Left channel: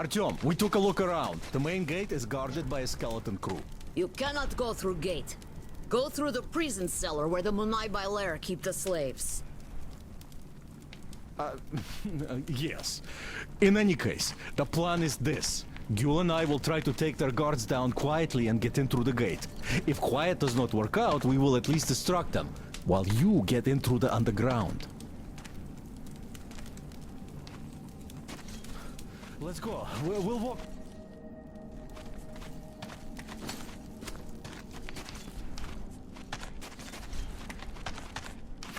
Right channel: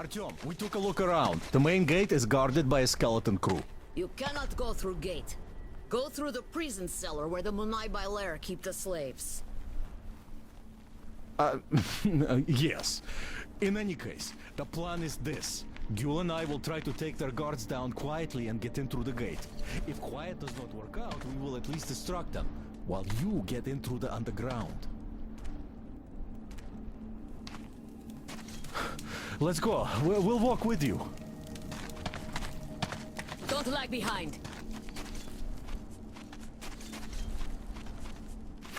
Artyom, we took a look around. The main gate is guarded by a skeleton crew. You cannot go through gate. Go through the prison cellar where the Munai Bailer keep the slaves. Yes. In any case, the plan is this. Gül and I will try to take their guards down quietly and get in through the gate. If quiet does not work out, we will at least distract them, while you get in through the underground. Let's go. We'll walk with you. Don't lag behind.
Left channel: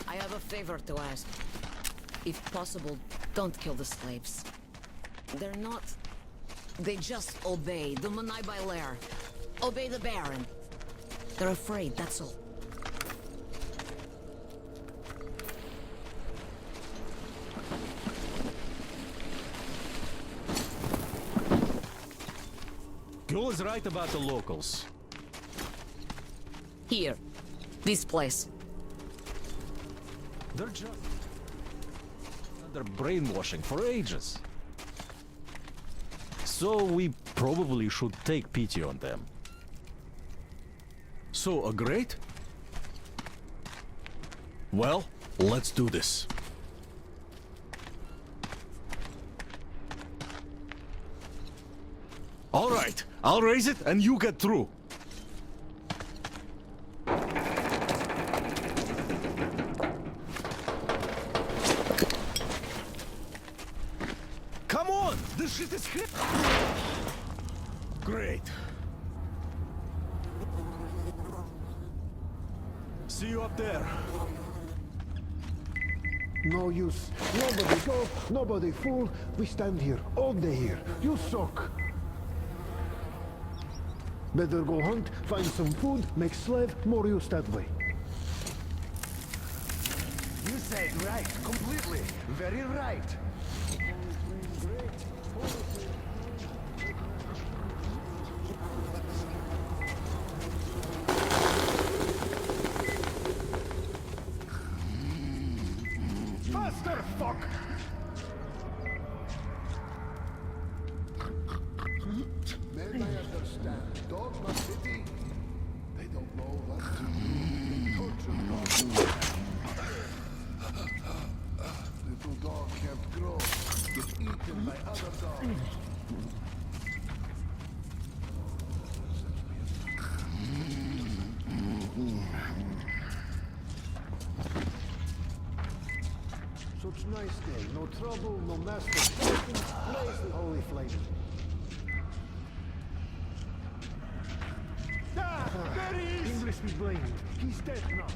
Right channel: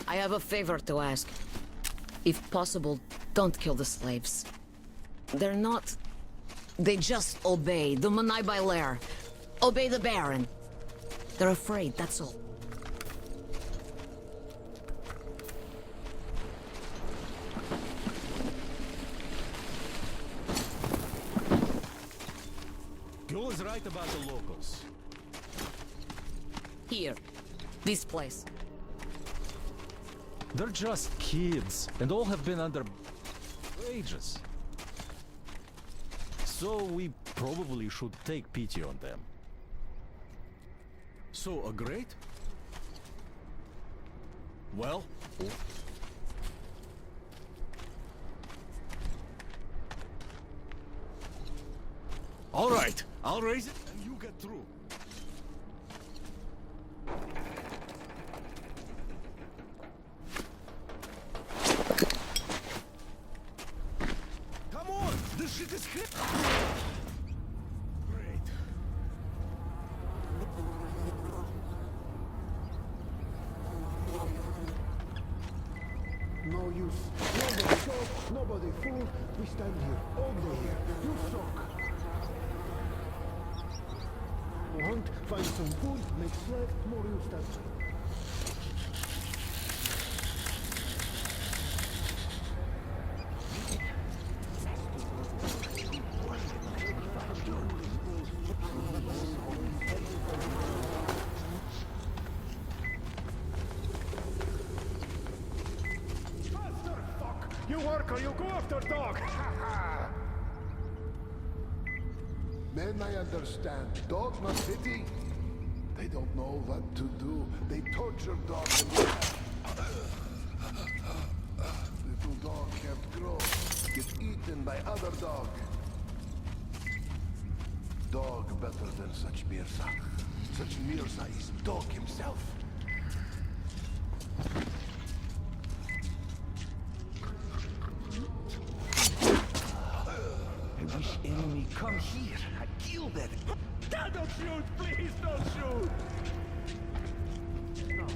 I have a favor to ask. If possible, don't kill the slaves. They're not... They just obey the Munai Bailer. Obey the Baron. They're afraid, that's all. Gül is right about the locals. Here. This place. They're just kids, and all have been under brainwashing for ages. So we probably should take pity on them. So, agreed? Well, let's do this. All right, I'll raise it and you get through. Come on, this shit is hit. Great. See you up there. No use. Nobody go, nobody fool. We stand here, all day here. You suck. Better go hunt, find some food, make slave, more use that way. You said right, completely. Very right. Faster, fuck! You work or you go after dog! Men, I understand. Dog must pity. They don't know what to do. They torture dogs. Little dog can't grow. Get eaten by other dogs. Dog better than such mirza. Such mirza is dog himself. Such nice day, no trouble, no matter. Oh, if my wish enemy come here, I kill them. Don't shoot, please! English is late. He's dead now.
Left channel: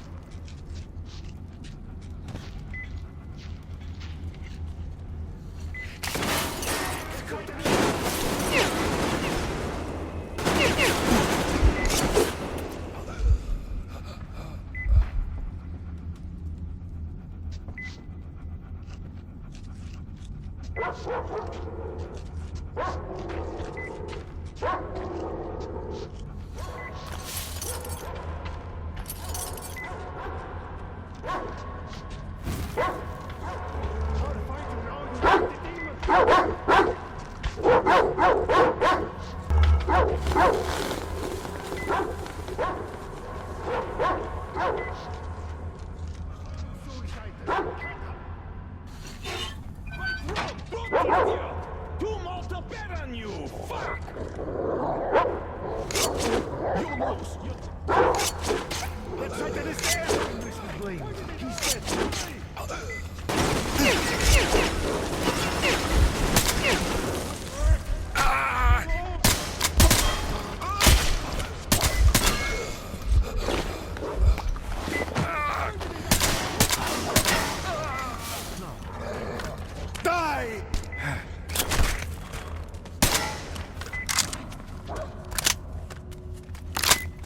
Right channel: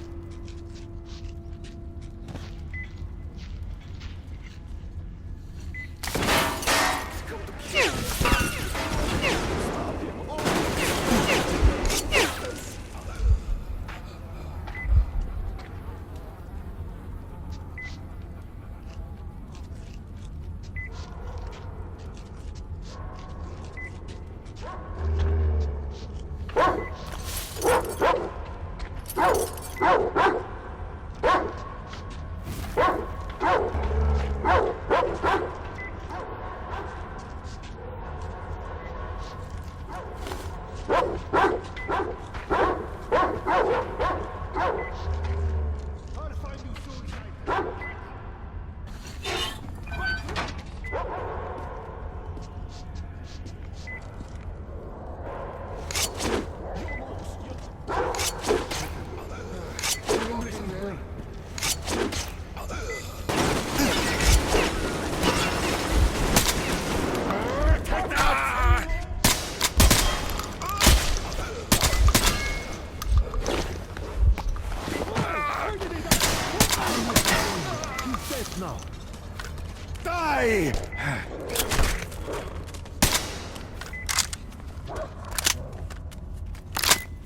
Die!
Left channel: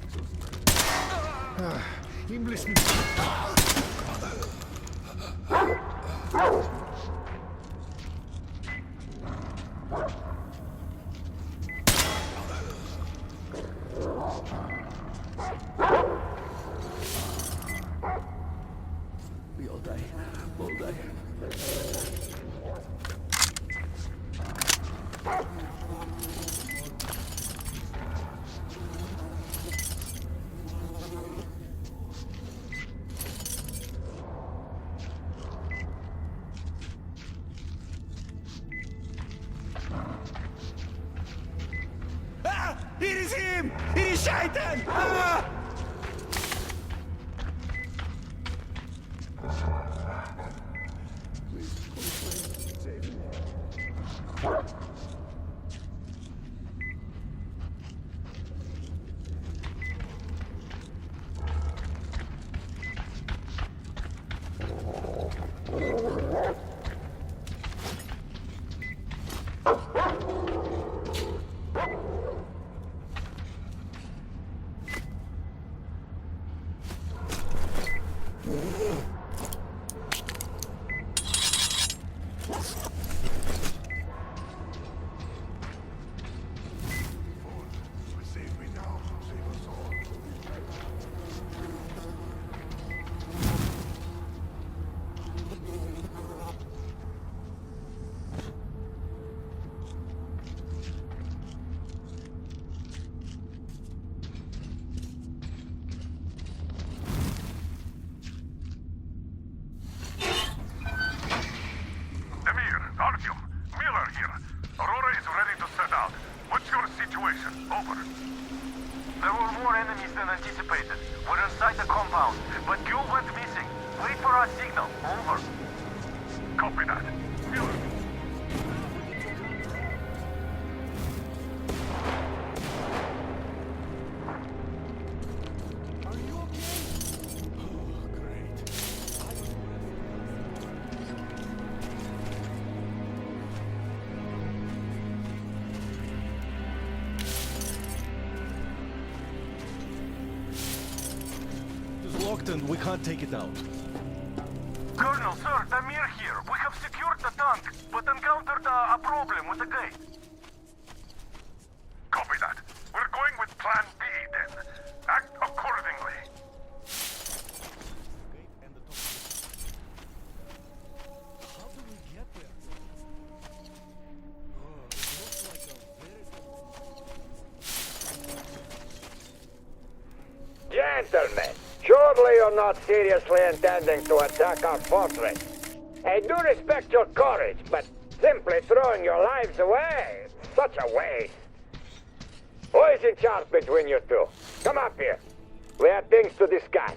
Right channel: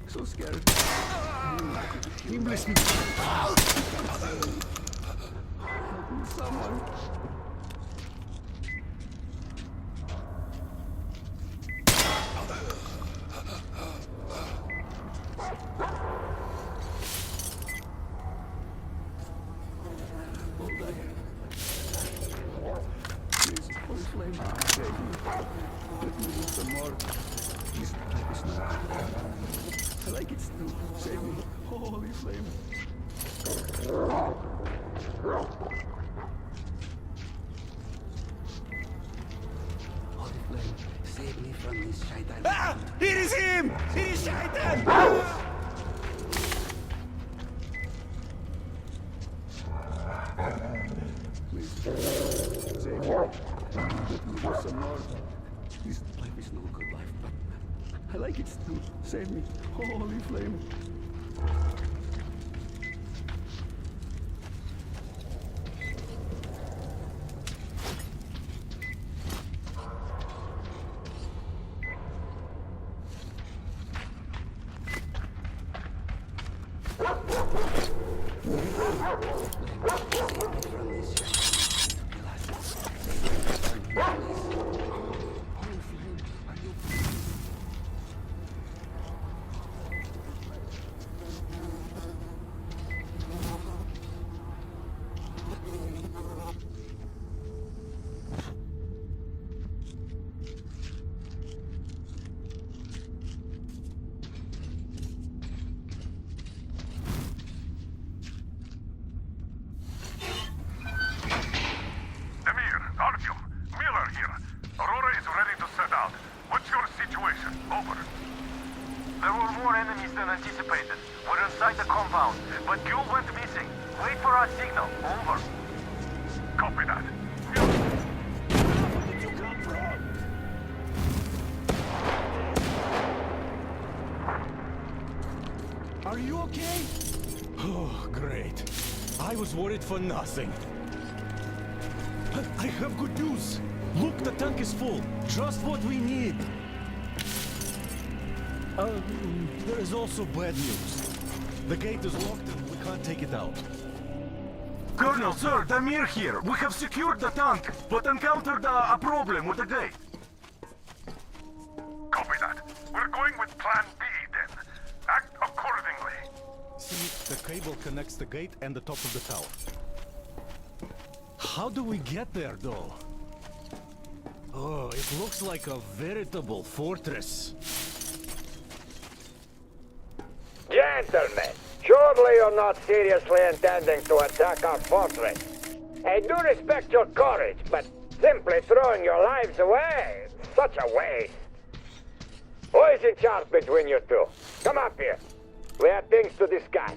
So scared. English. We'll die. Bizim! Die Scheiten! Save me. This life is no good life, but I like it still. Save me. Holy flame. Are you okay? Oh, great. I was worried for nothing. I have good news. Look, the tank is full. Just what we need. There is also bad news. The gate is locked and we can't take it out. Colonel, sir, Damir here. We have secured the tank, but encountered a problem with the gate. Copy that. We're going with Plan B then. Act accordingly. See, the cable connects the gate and the top of the tower. How do we get there, though? Oh, it looks like a veritable fortress. Gentlemen, surely you're not seriously intending to attack our fortress. I do respect your courage, but simply throwing your lives away, such a waste. Who is in charge between you two? Come up here. We have things to discuss.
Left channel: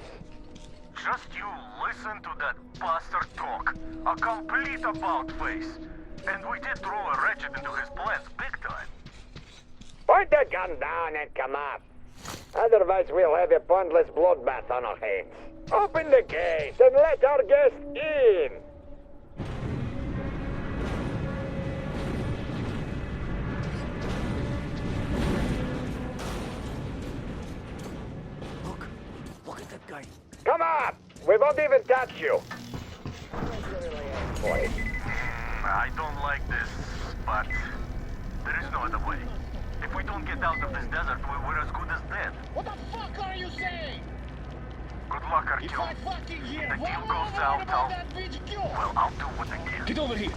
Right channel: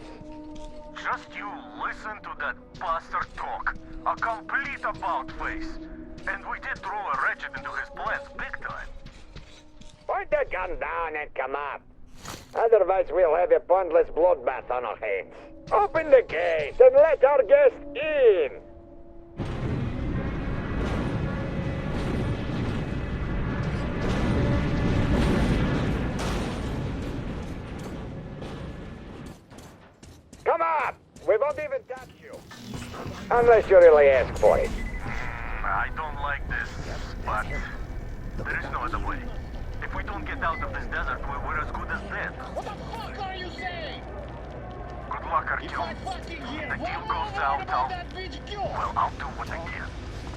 Just you listen to that bastard talk. A complete about-face. And we did throw a wretched into his plans big time. Point the gun down and come up. Otherwise we'll have a pointless bloodbath on our hands. Open the gate and let our guest in. Come up! We won't even touch you. Unless you really ask for it. I don't like this, but there is no other way. If we don't get out of this desert, we're as good as dead. What the fuck are you saying? Good luck, If Artyom. I fucking hear If the one deal more goes word south, about that bitch, well, I'll do what I can. Get over here.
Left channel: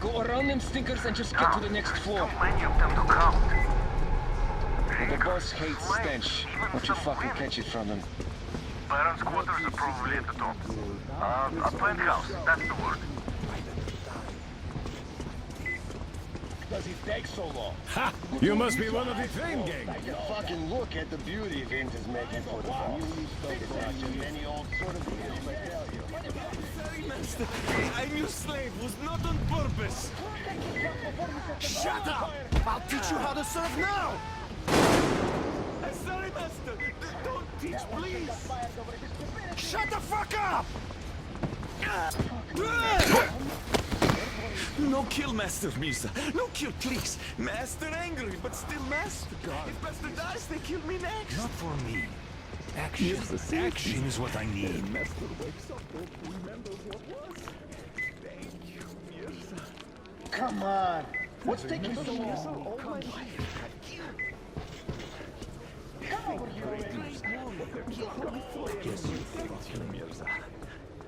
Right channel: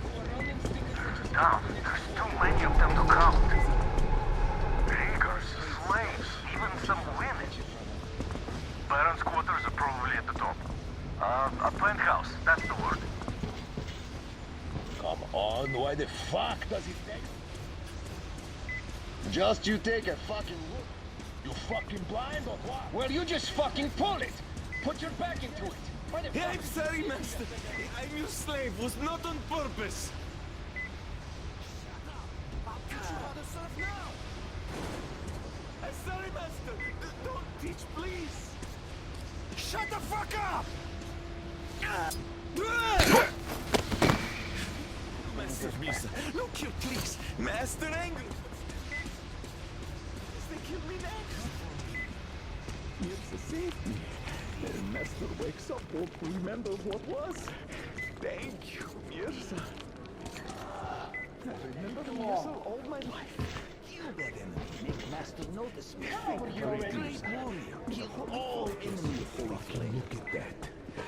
Go around them stinkers and just get Now, to the next there's floor. too many of them to count. The Fingers, boss hates flames, stench. even But you some fucking wind. catch it from them. Baron's quarters are probably at the top. A penthouse, that's the word. Come on, why the fuck does it take so long? Ha! You must be one of the Just you take a fucking look at the beauty. Fucking blind or what? Well, you just fucking pull it. Put your back into it. Why the fuck? I'm sorry, master. I'm your slave. Was not on purpose. Shut up! I'll teach you how to serve now! I'm sorry, master. Don't teach, please. Shut the fuck up! No kill, Master Misa. No kill, please. Master angry, but still master. If Master dies, they kill me next. Not for me. Action. Action is what I need. Master wakes up, don't remembers what was. Thank you, Mirza. Come on. What's taking so long? All my life. Come over here already.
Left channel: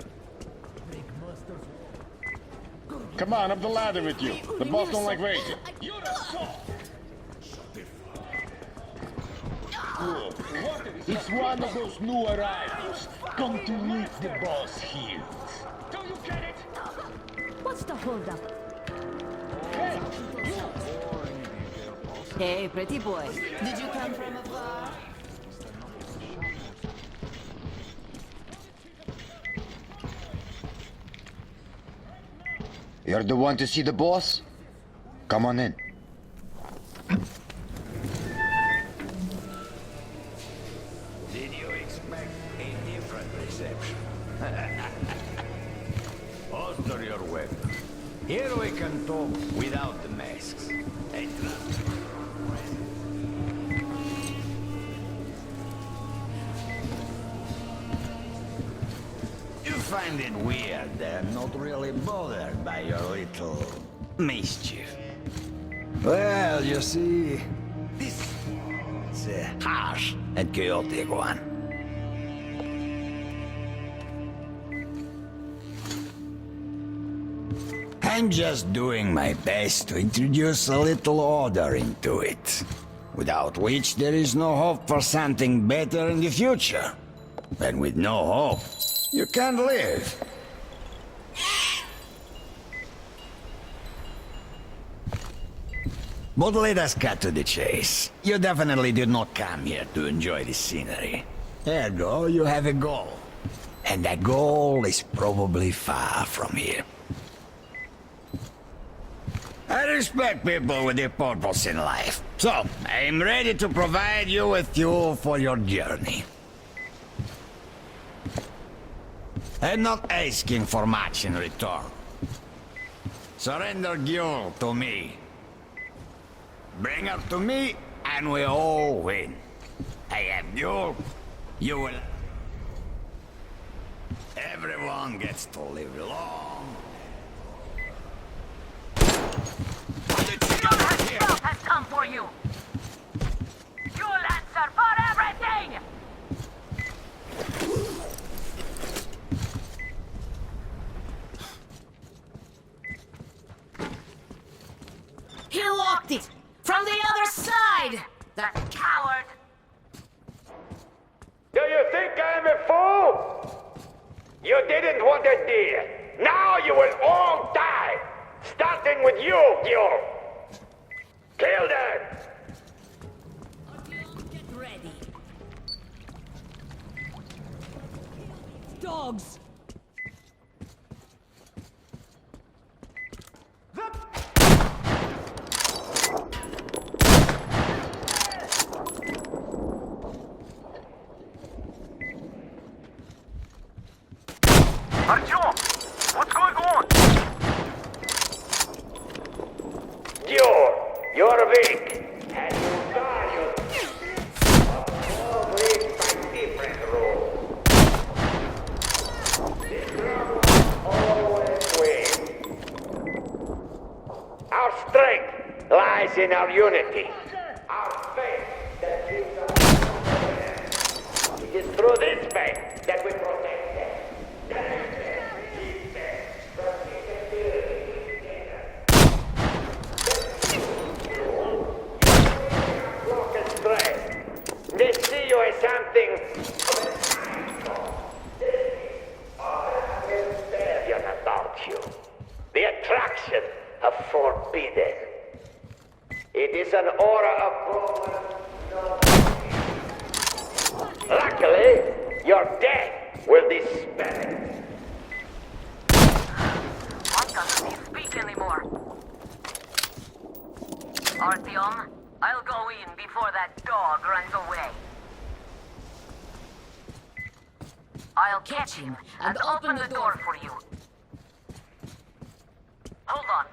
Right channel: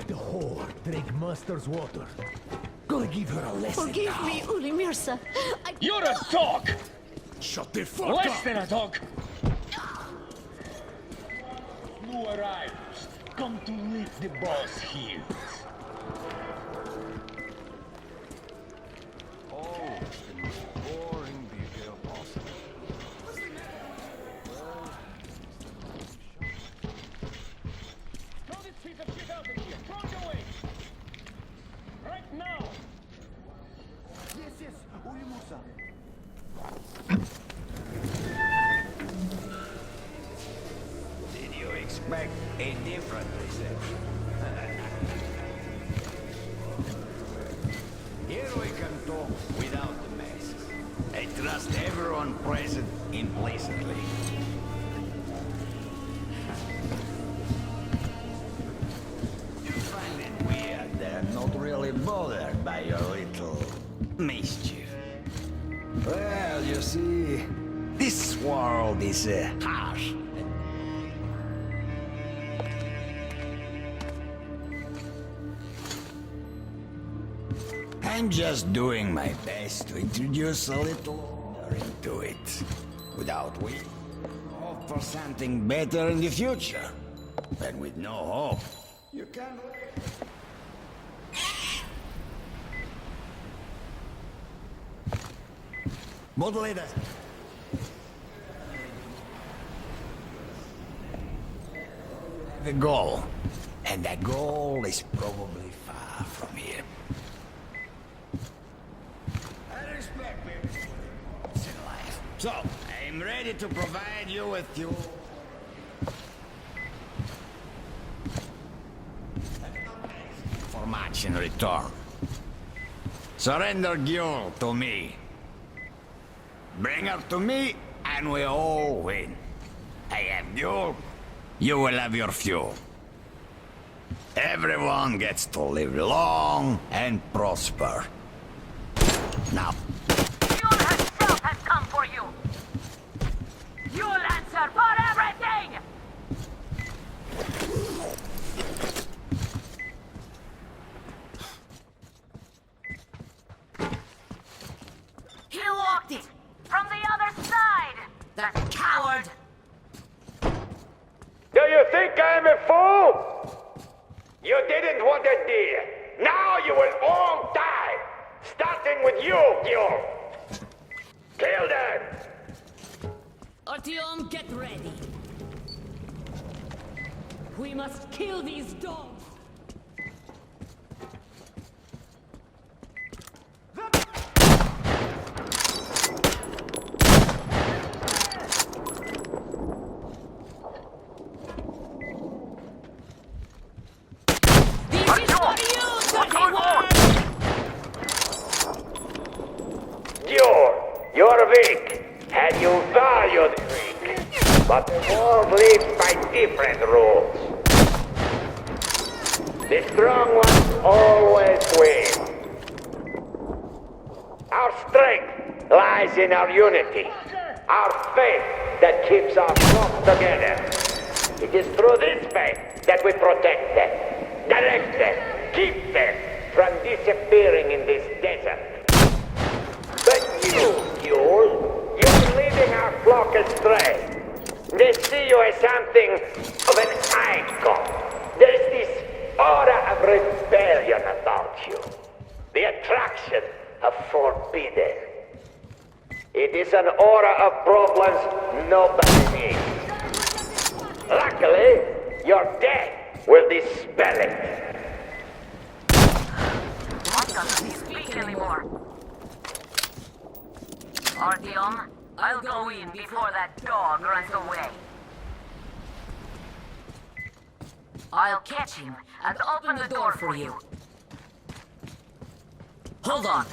The whore drink Master's water. Come on, I'm the ladder. Forgive me, The boss don't like rain. You're a talk! Shut the fuck Less up! than a talk. It's one of those new arrivals. Come to meet the boss here. What's the holdup? Boring detail, boss. Hey, pretty boy. Did you come from abroad? You're the one to see the boss? Come on in. Did you expect a different reception? Alter your way. Here we can talk without the masks. I trust everyone present implicitly. You find it weird that I'm not really bothered by your little mischief. Well, you see, this world is a harsh and chaotic one. I'm just doing my best to introduce a little order into it, without which there is no hope for something better in the future. And with no hope, you can't live. But let us cut to the chase. You definitely did not come here to enjoy the scenery. Ergo, you have a goal. And that goal is probably far from here. I respect people with a purpose in life. So, I'm ready to provide you with fuel for your journey. I'm not asking for much in return. Surrender Gyul to me. Bring her to me, and we all win. I have Gyul, you will have your fuel. Everyone gets to live long and prosper. Now, Gyul himself has come for you! You'll answer for everything! He locked it! From the other side! That coward! Do you think I'm a fool? You didn't want a deal. Now you will all die! Starting with you, Gyul! Kill them! Artyom, get ready. We must kill these dogs! Artyom! What's going on? Gyul, you're weak, and you valued weak. But all live by different rules. The strong ones always win. Our strength lies in our unity, our faith that keeps our flock together. It is through this faith that we protect them, direct them, keep them from disappearing in this desert. But you, Gyul, you're leading our flock astray. They see you as something of an icon. There's this aura of rebellion about you. The attraction of forbidden. It is an aura of problems nobody needs. Luckily, your death will dispel it. Why doesn't he speak anymore? Artyom, I'll go in before that dog runs away. I'll catch him and open the door for you. Hold on.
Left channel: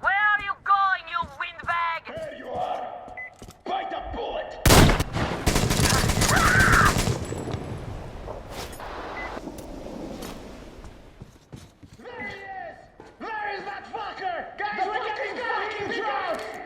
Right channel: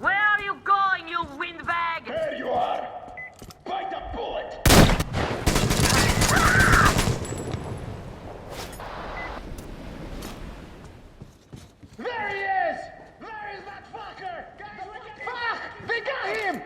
Where are you going, you windbag? There you are! Bite the bullet! There he is! Where is that fucker? Guys, we got him! We got him!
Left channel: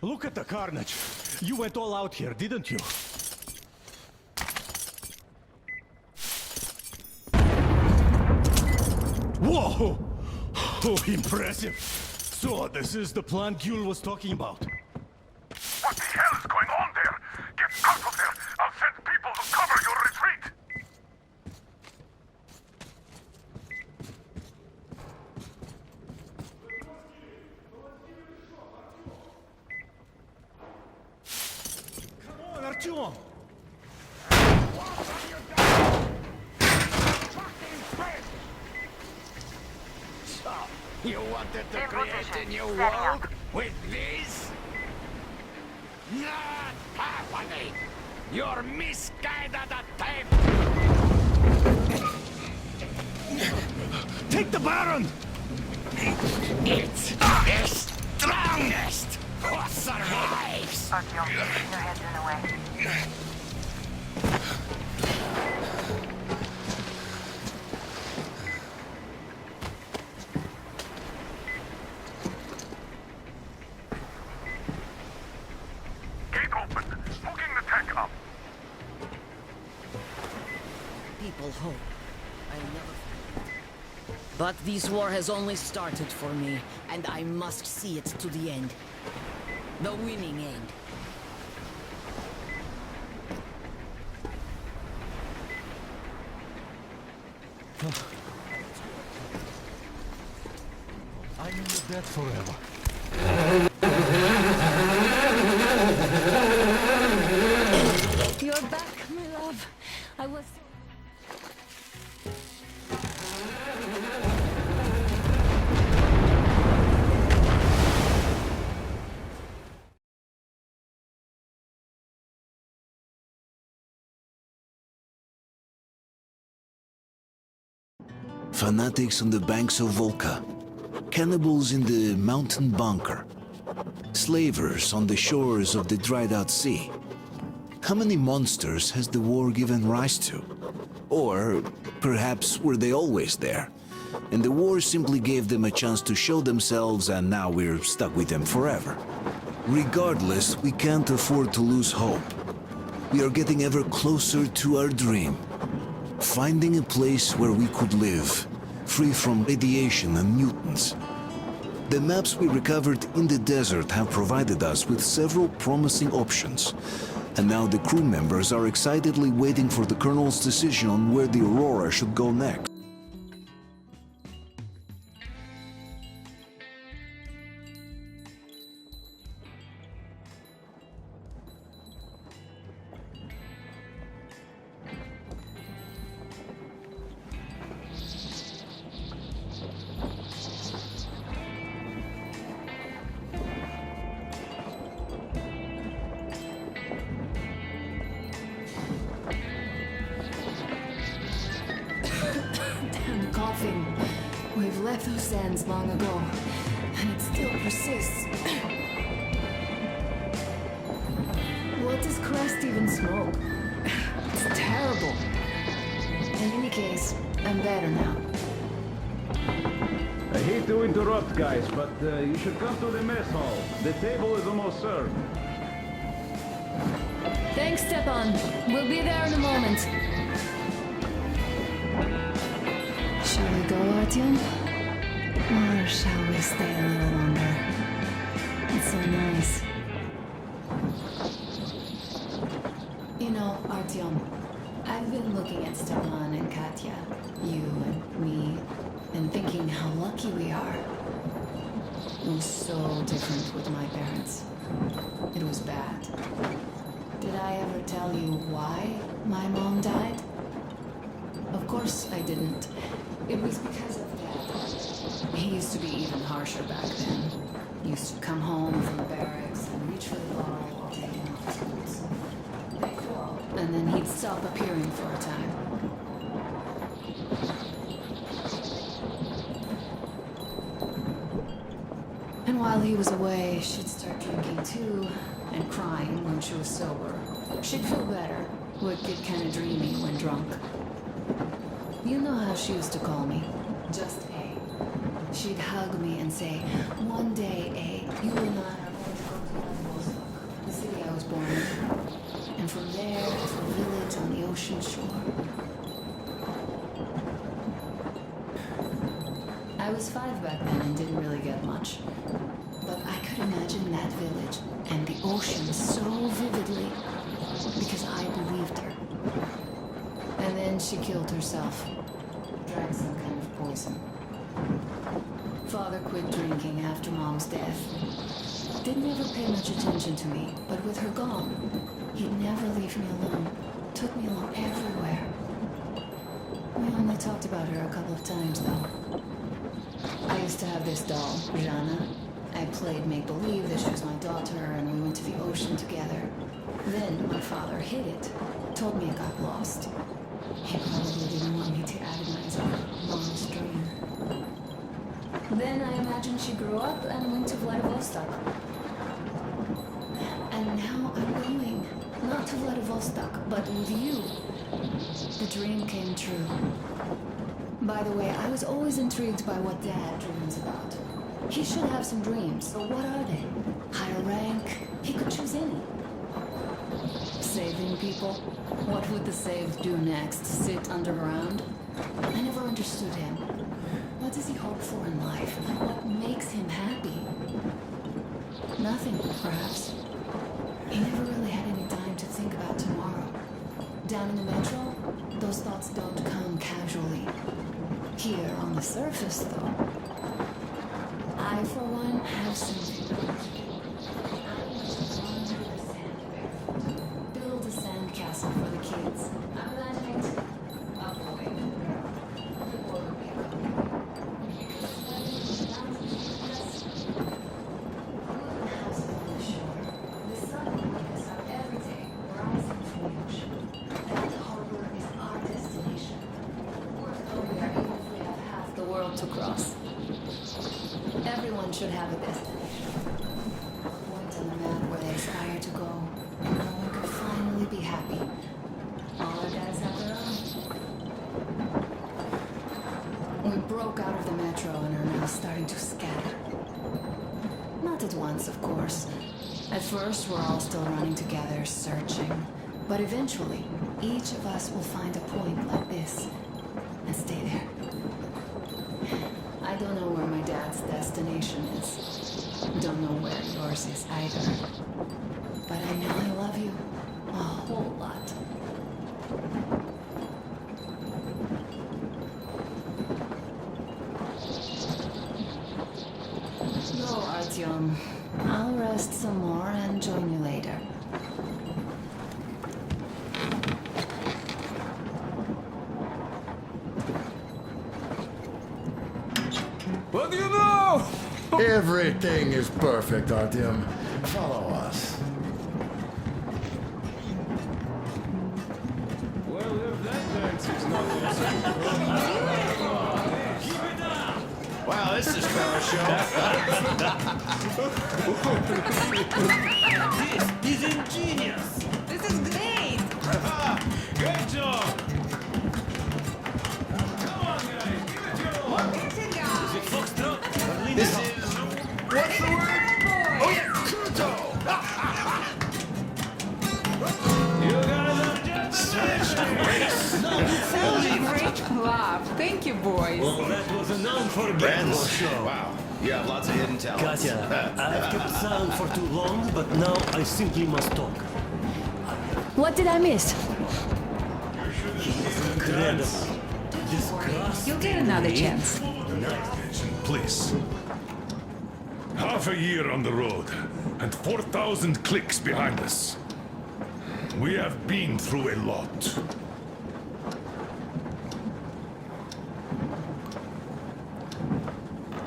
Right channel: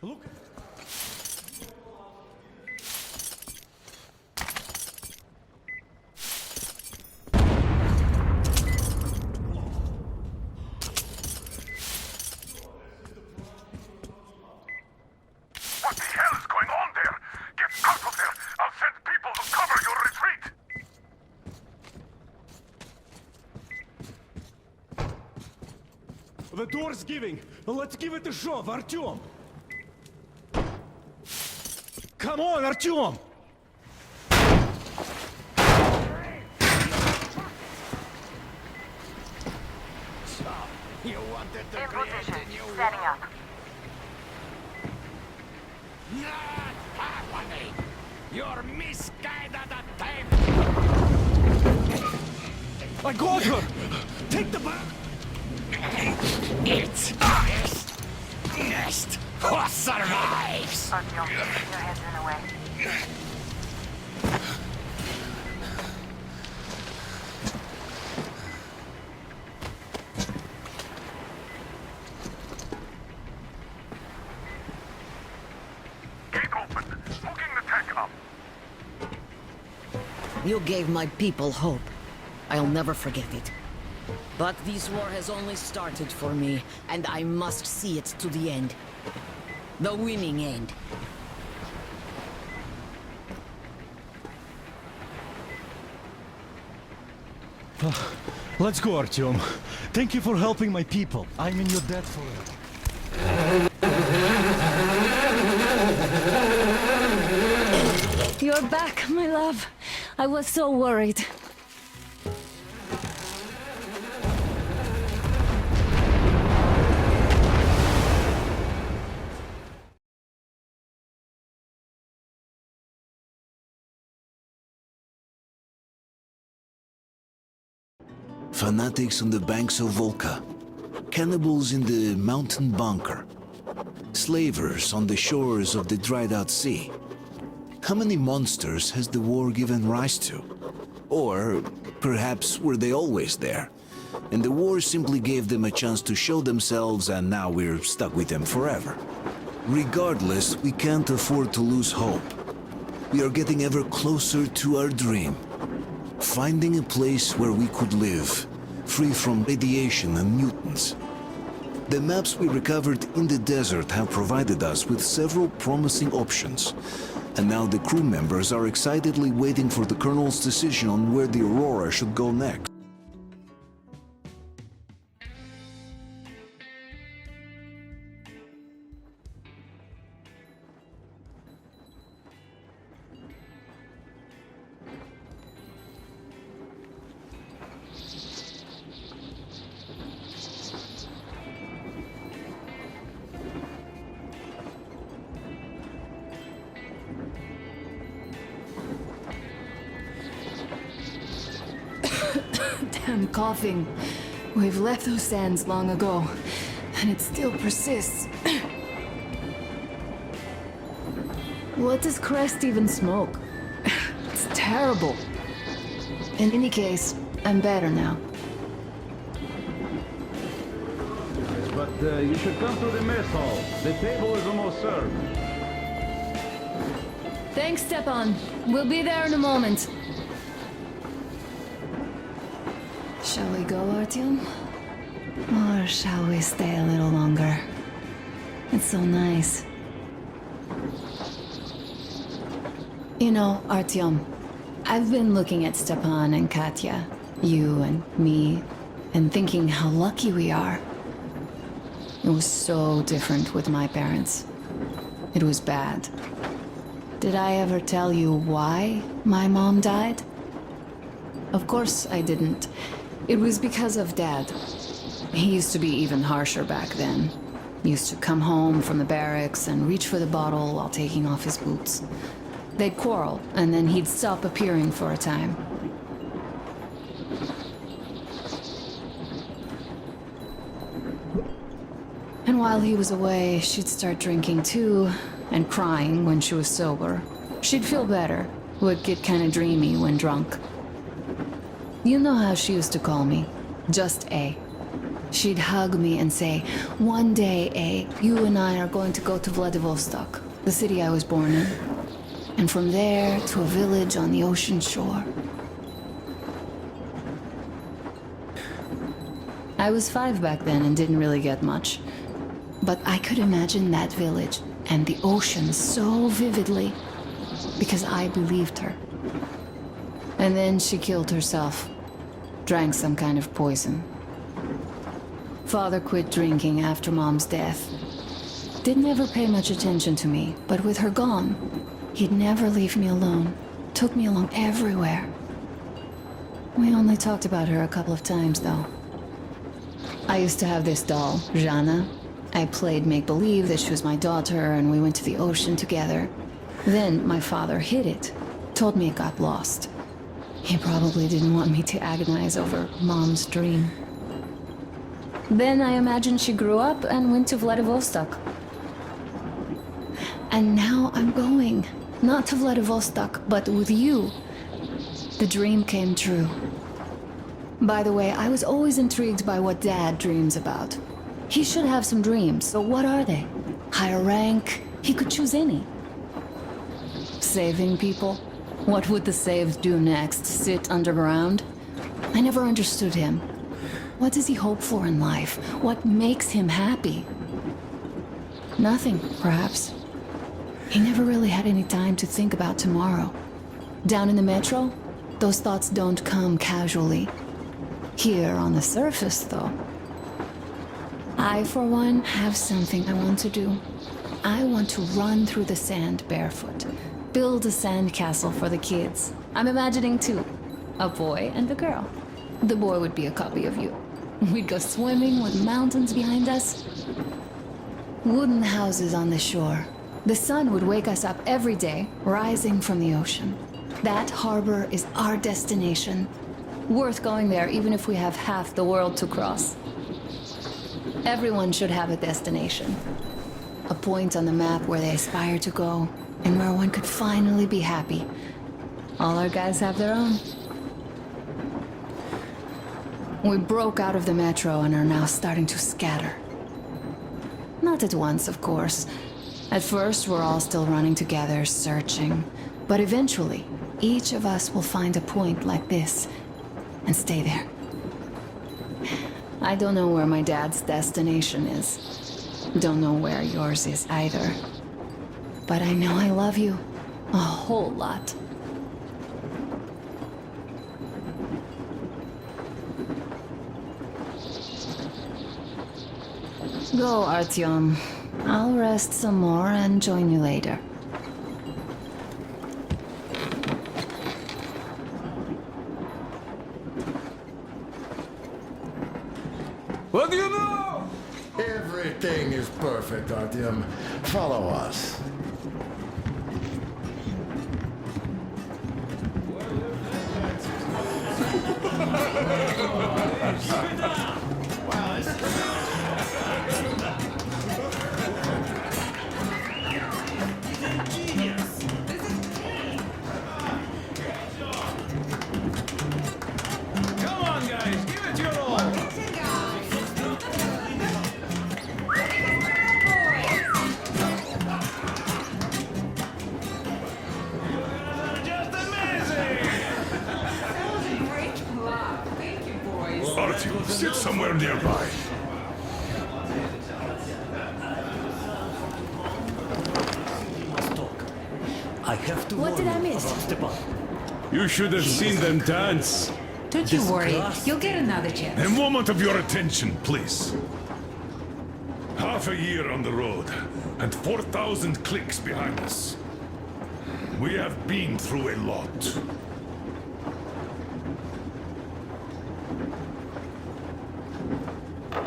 Look at the carnage. You went all out here, didn't you? Whoa! Oh, impressive. So, this is the plant Yul was talking about. What the hell is going on there? Get out of there! I'll send people to cover your retreat! The door's giving. Let's give it a shove, Artyom. Come on, Artyom! So, you wanted to In create position. a new Setting world up. with this? Not happening! You're misguided attempt! I got her! Take the Baron! It's the strongest who survives! Artyom, your head's in the way. Gate open! Hooking the tank up! You gave my people hope. I'll never forget it. But this war has only started for me, and I must see it to the end. The winning end. Let's go, Artyom. Thank you for helping my people. I'm in your debt forever. You're back, my love. I was so worried. Fanatics on the banks of Volga, cannibals in the mountain bunker, slavers on the shores of the dried-out sea. How many monsters has the war given rise to? Or perhaps were they always there, and the war simply gave them a chance to show themselves and now we're stuck with them forever? Regardless, we can't afford to lose hope. We are getting ever closer to our dream. Finding a place where we could live, free from radiation and mutants. The maps we recovered in the desert have provided us with several promising options, and now the crew members are excitedly waiting for the Colonel's decision on where the Aurora should go next. Damn coughing. We've left those sands long ago, and it still persists. What does Crest even smoke? It's terrible. In any case, I'm better now. I hate to interrupt, guys, but you should come to the mess hall. The table is almost served. Thanks, Stepan. We'll be there in a moment. Shall we go, Artyom? Or shall we stay a little longer? It's so nice. You know, Artyom, I've been looking at Stepan and Katya, you and me, and thinking how lucky we are. It was so different with my parents. It was bad. Did I ever tell you why my mom died? Of course I didn't. It was because of Dad. He used to be even harsher back then. He used to come home from the barracks and reach for the bottle while taking off his boots. They'd quarrel, and then he'd stop appearing for a time. And while he was away, she'd start drinking too, and crying when she was sober. She'd feel better, would get kinda dreamy when drunk. You know how she used to call me? Just A. She'd hug me and say, "One day, you and I are going to go to Vladivostok, the city I was born in. And from there to a village on the ocean shore." I was 5 back then and didn't really get much. But I could imagine that village and the ocean so vividly because I believed her. And then she killed herself. Drank some kind of poison. Father quit drinking after Mom's death. Didn't ever pay much attention to me, but with her gone, he'd never leave me alone. Took me along everywhere. We only talked about her a couple of times, though. I used to have this doll, Jana. I played make-believe that she was my daughter, and we went to the ocean together. Then my father hid it. Told me it got lost. He probably didn't want me to agonize over Mom's dream. Then I imagine she grew up and went to Vladivostok. And now I'm going. Not to Vladivostok, but with you. The dream came true. By the way, I was always intrigued by what Dad dreams about. He should have some dreams, so what are they? Higher rank? He could choose any. Saving people? What would the saved do next? Sit underground? I never understood him. What does he hope for in life? What makes him happy? Nothing, perhaps. He never really had any time to think about tomorrow. Down in the metro, those thoughts don't come casually. Here on the surface, though. I, for one, have something I want to do. I want to run through the sand barefoot. Build a sandcastle for the kids. I'm imagining two. A boy and a girl. The boy would be a copy of you. We'd go swimming with mountains behind us. Wooden houses on the shore. The sun would wake us up every day, rising from the ocean. That harbor is our destination. Worth going there even if we have half the world to cross. Everyone should have a destination. A point on the map where they aspire to go, and where one could finally be happy. All our guys have their own. We broke out of the metro and are now starting to scatter. Not at once, of course. At first, we're all still running together, searching. But eventually, each of us will find a point like this and stay there. I don't know where my dad's destination is. Don't know where yours is either. But I know I love you a whole lot. Go, Artyom. I'll rest some more and join you later. What do you know? Everything is perfect, Artyom. Follow us. Wow, this is He's ingenious. This is great. Good job. Come on, guys, give it your all. Look at you guys. Ready to work, boys. You guys are just amazing. That was a great clap. Thank you, boys. Well, that was enough for that. Wow. You have lots of hidden talents. Katya, I've kept silent for too long, but now I simply must talk. I have to. What did I miss? You should have seen them dance. Don't you worry. You'll get another chance. A moment of your attention, please. Half a year on the road, and 4,000 clicks behind us. We have been through a lot.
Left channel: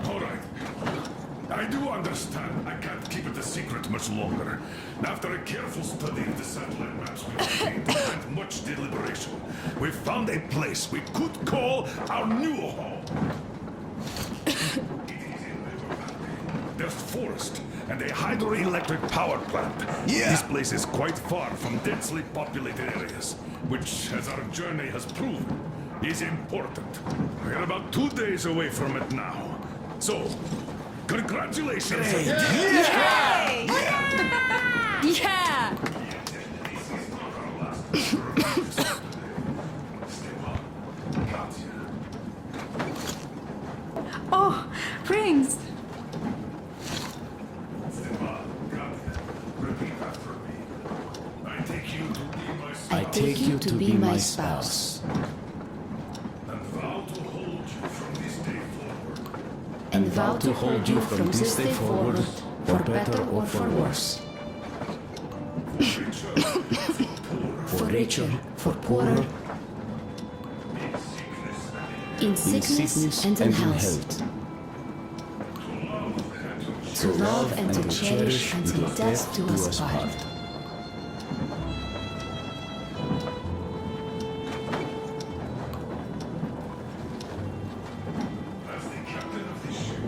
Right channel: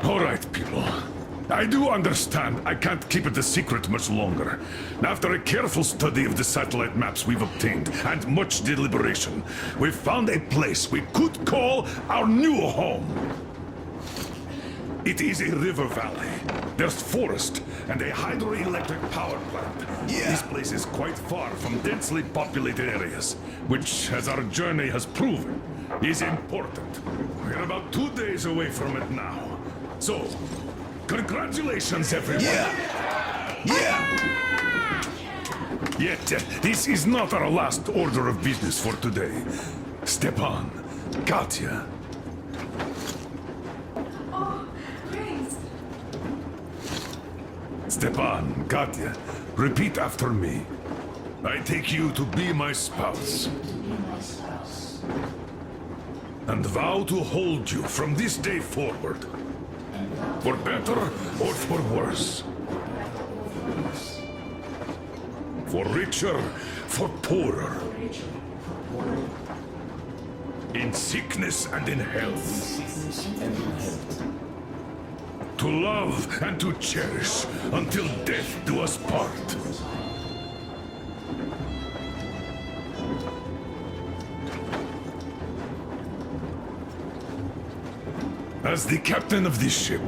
All right, people. I do understand I can't keep it a secret much longer. After a careful study of the satellite maps we've obtained, and much deliberation, we've found a place we could call our new home. It is a river valley. There's forest and a hydroelectric power plant. Yeah. This place is quite far from densely populated areas, which, as our journey has proven, is important. We're about 2 days away from it now. So, congratulations, everyone. Yet, this is not our last order of business for today. Stepan, Katya. Oh, Prince! Stepan, Katya, repeat after me. I take you to be my spouse. I take you to be my spouse. And vow to hold you from this day forward. And vow to For hold better you or from this day forward, for better or for worse. For richer, for poorer. For richer, for poorer. In sickness and in health. In sickness and in health. To love and to cherish love and to until cherish death do us until part. death do us part. As the captain of this ship,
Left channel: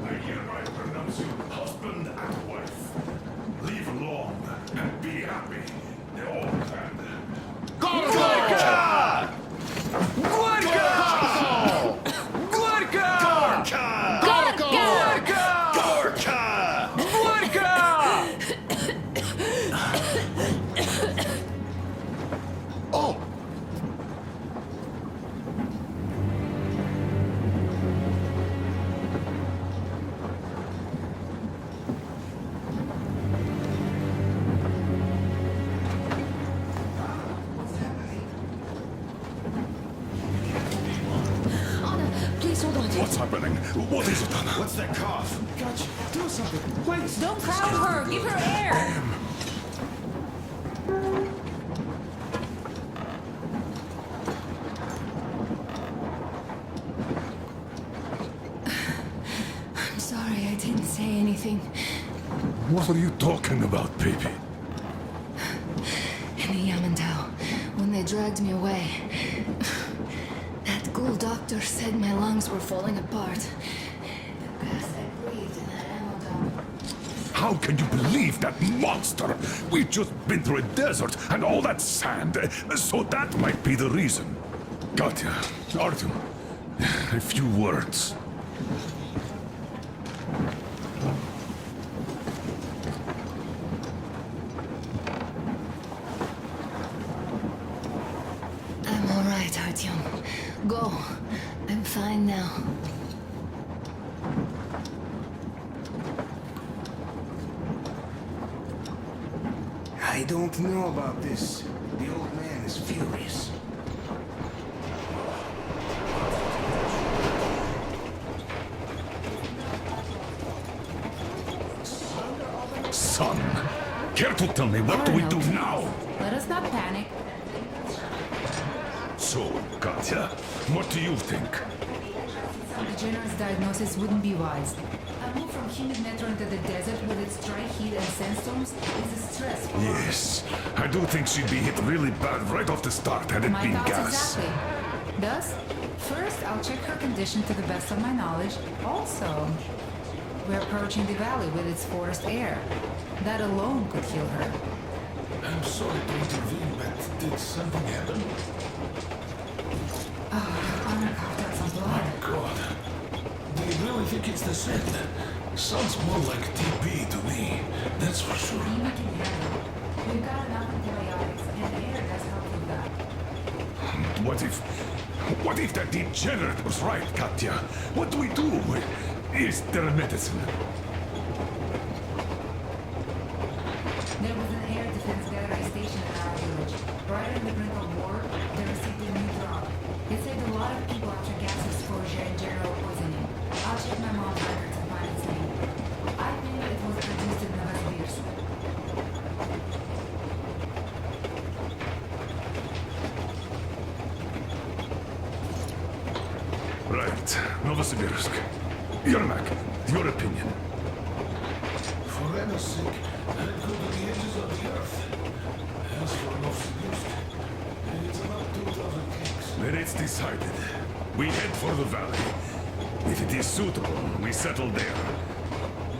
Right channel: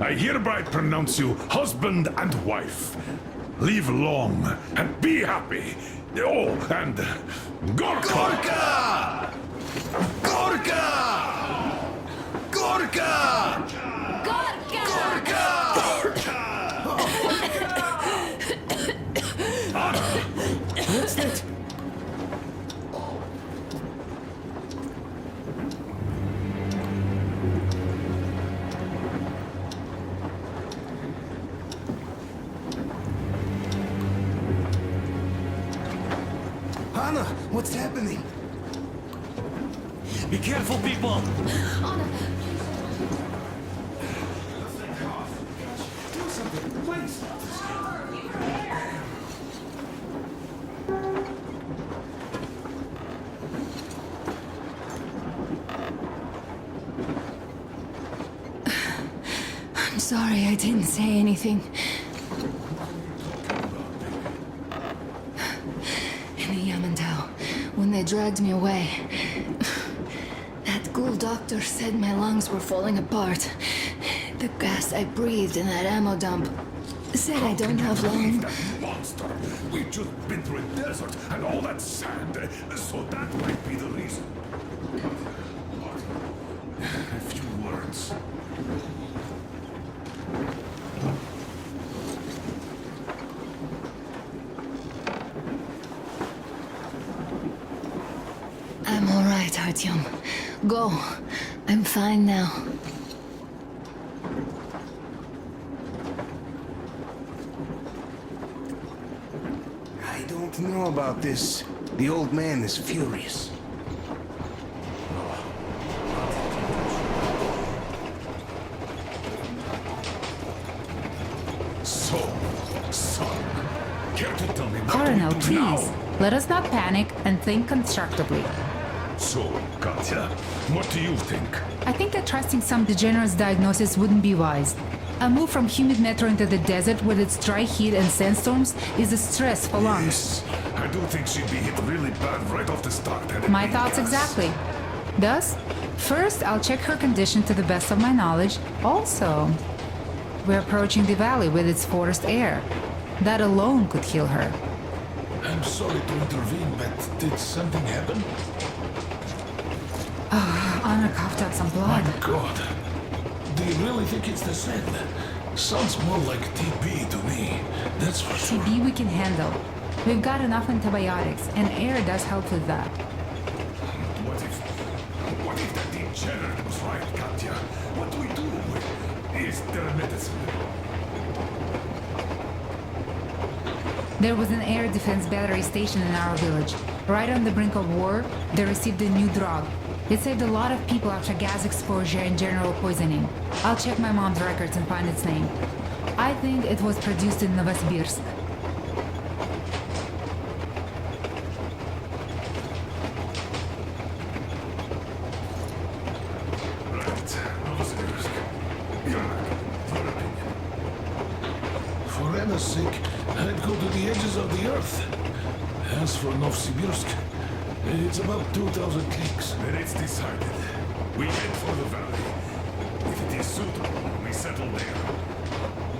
I hereby pronounce you husband and wife. Live long and be happy. Oh, and Gorka! Gorka! Gorka! Oh! Anna, what's happening? Be careful, people! Anna, please hold on. What's happening? What is it, Anna? What's that cough? Gotcha. Do something, please. Don't crowd her! Give her air! I'm sorry I didn't say anything. What are you talking about, baby? In the Yamantau, when they dragged me away, that ghoul doctor said my lungs were falling apart. The gas I breathed in that ammo dump said How I can don't you have believe lung. that monster? We've just been through a desert and all that sand, so that might be the reason. Katya, Artyom, a few words. I'm all right, Artyom. Go. I'm fine now. I don't know about this. The old man is furious. So, son, care to tell me what Colonel, do we do please. now? Let us not panic and think constructively. So, Katya, what do you think? I think that trusting some degenerate's diagnosis wouldn't be wise. A move from humid metro into the desert with its dry heat and sandstorms is a stress for lungs. Yes, I do think she'd be hit really bad right off the start had it My been thoughts gas. exactly. Thus, first I'll check her condition to the best of my knowledge. Also, we're approaching the valley with its forest air. That alone could heal her. I'm sorry to intervene, but did something happen? Anna coughed out some blood. God. Do you really think it's the sand? Sounds more like TB to me. That's for sure. TB we can handle. We've got enough antibiotics, and air does help with that. What if that degenerate was right, Katya? What do we do? Is there a medicine? There was an air defense battery station in our village. Right on the brink of war, they received a new drug. It saved a lot of people after gas exposure and general poisoning. I'll check my mom's records and find its name. I think it was produced in Novosibirsk. Right, Novosibirsk. Yermak, your opinion. For Anna's sake, I'd go to the edges of the earth. As for Novosibirsk, it's about 2,000 clicks. Then it's decided. We head for the valley. If it is suitable, we settle there.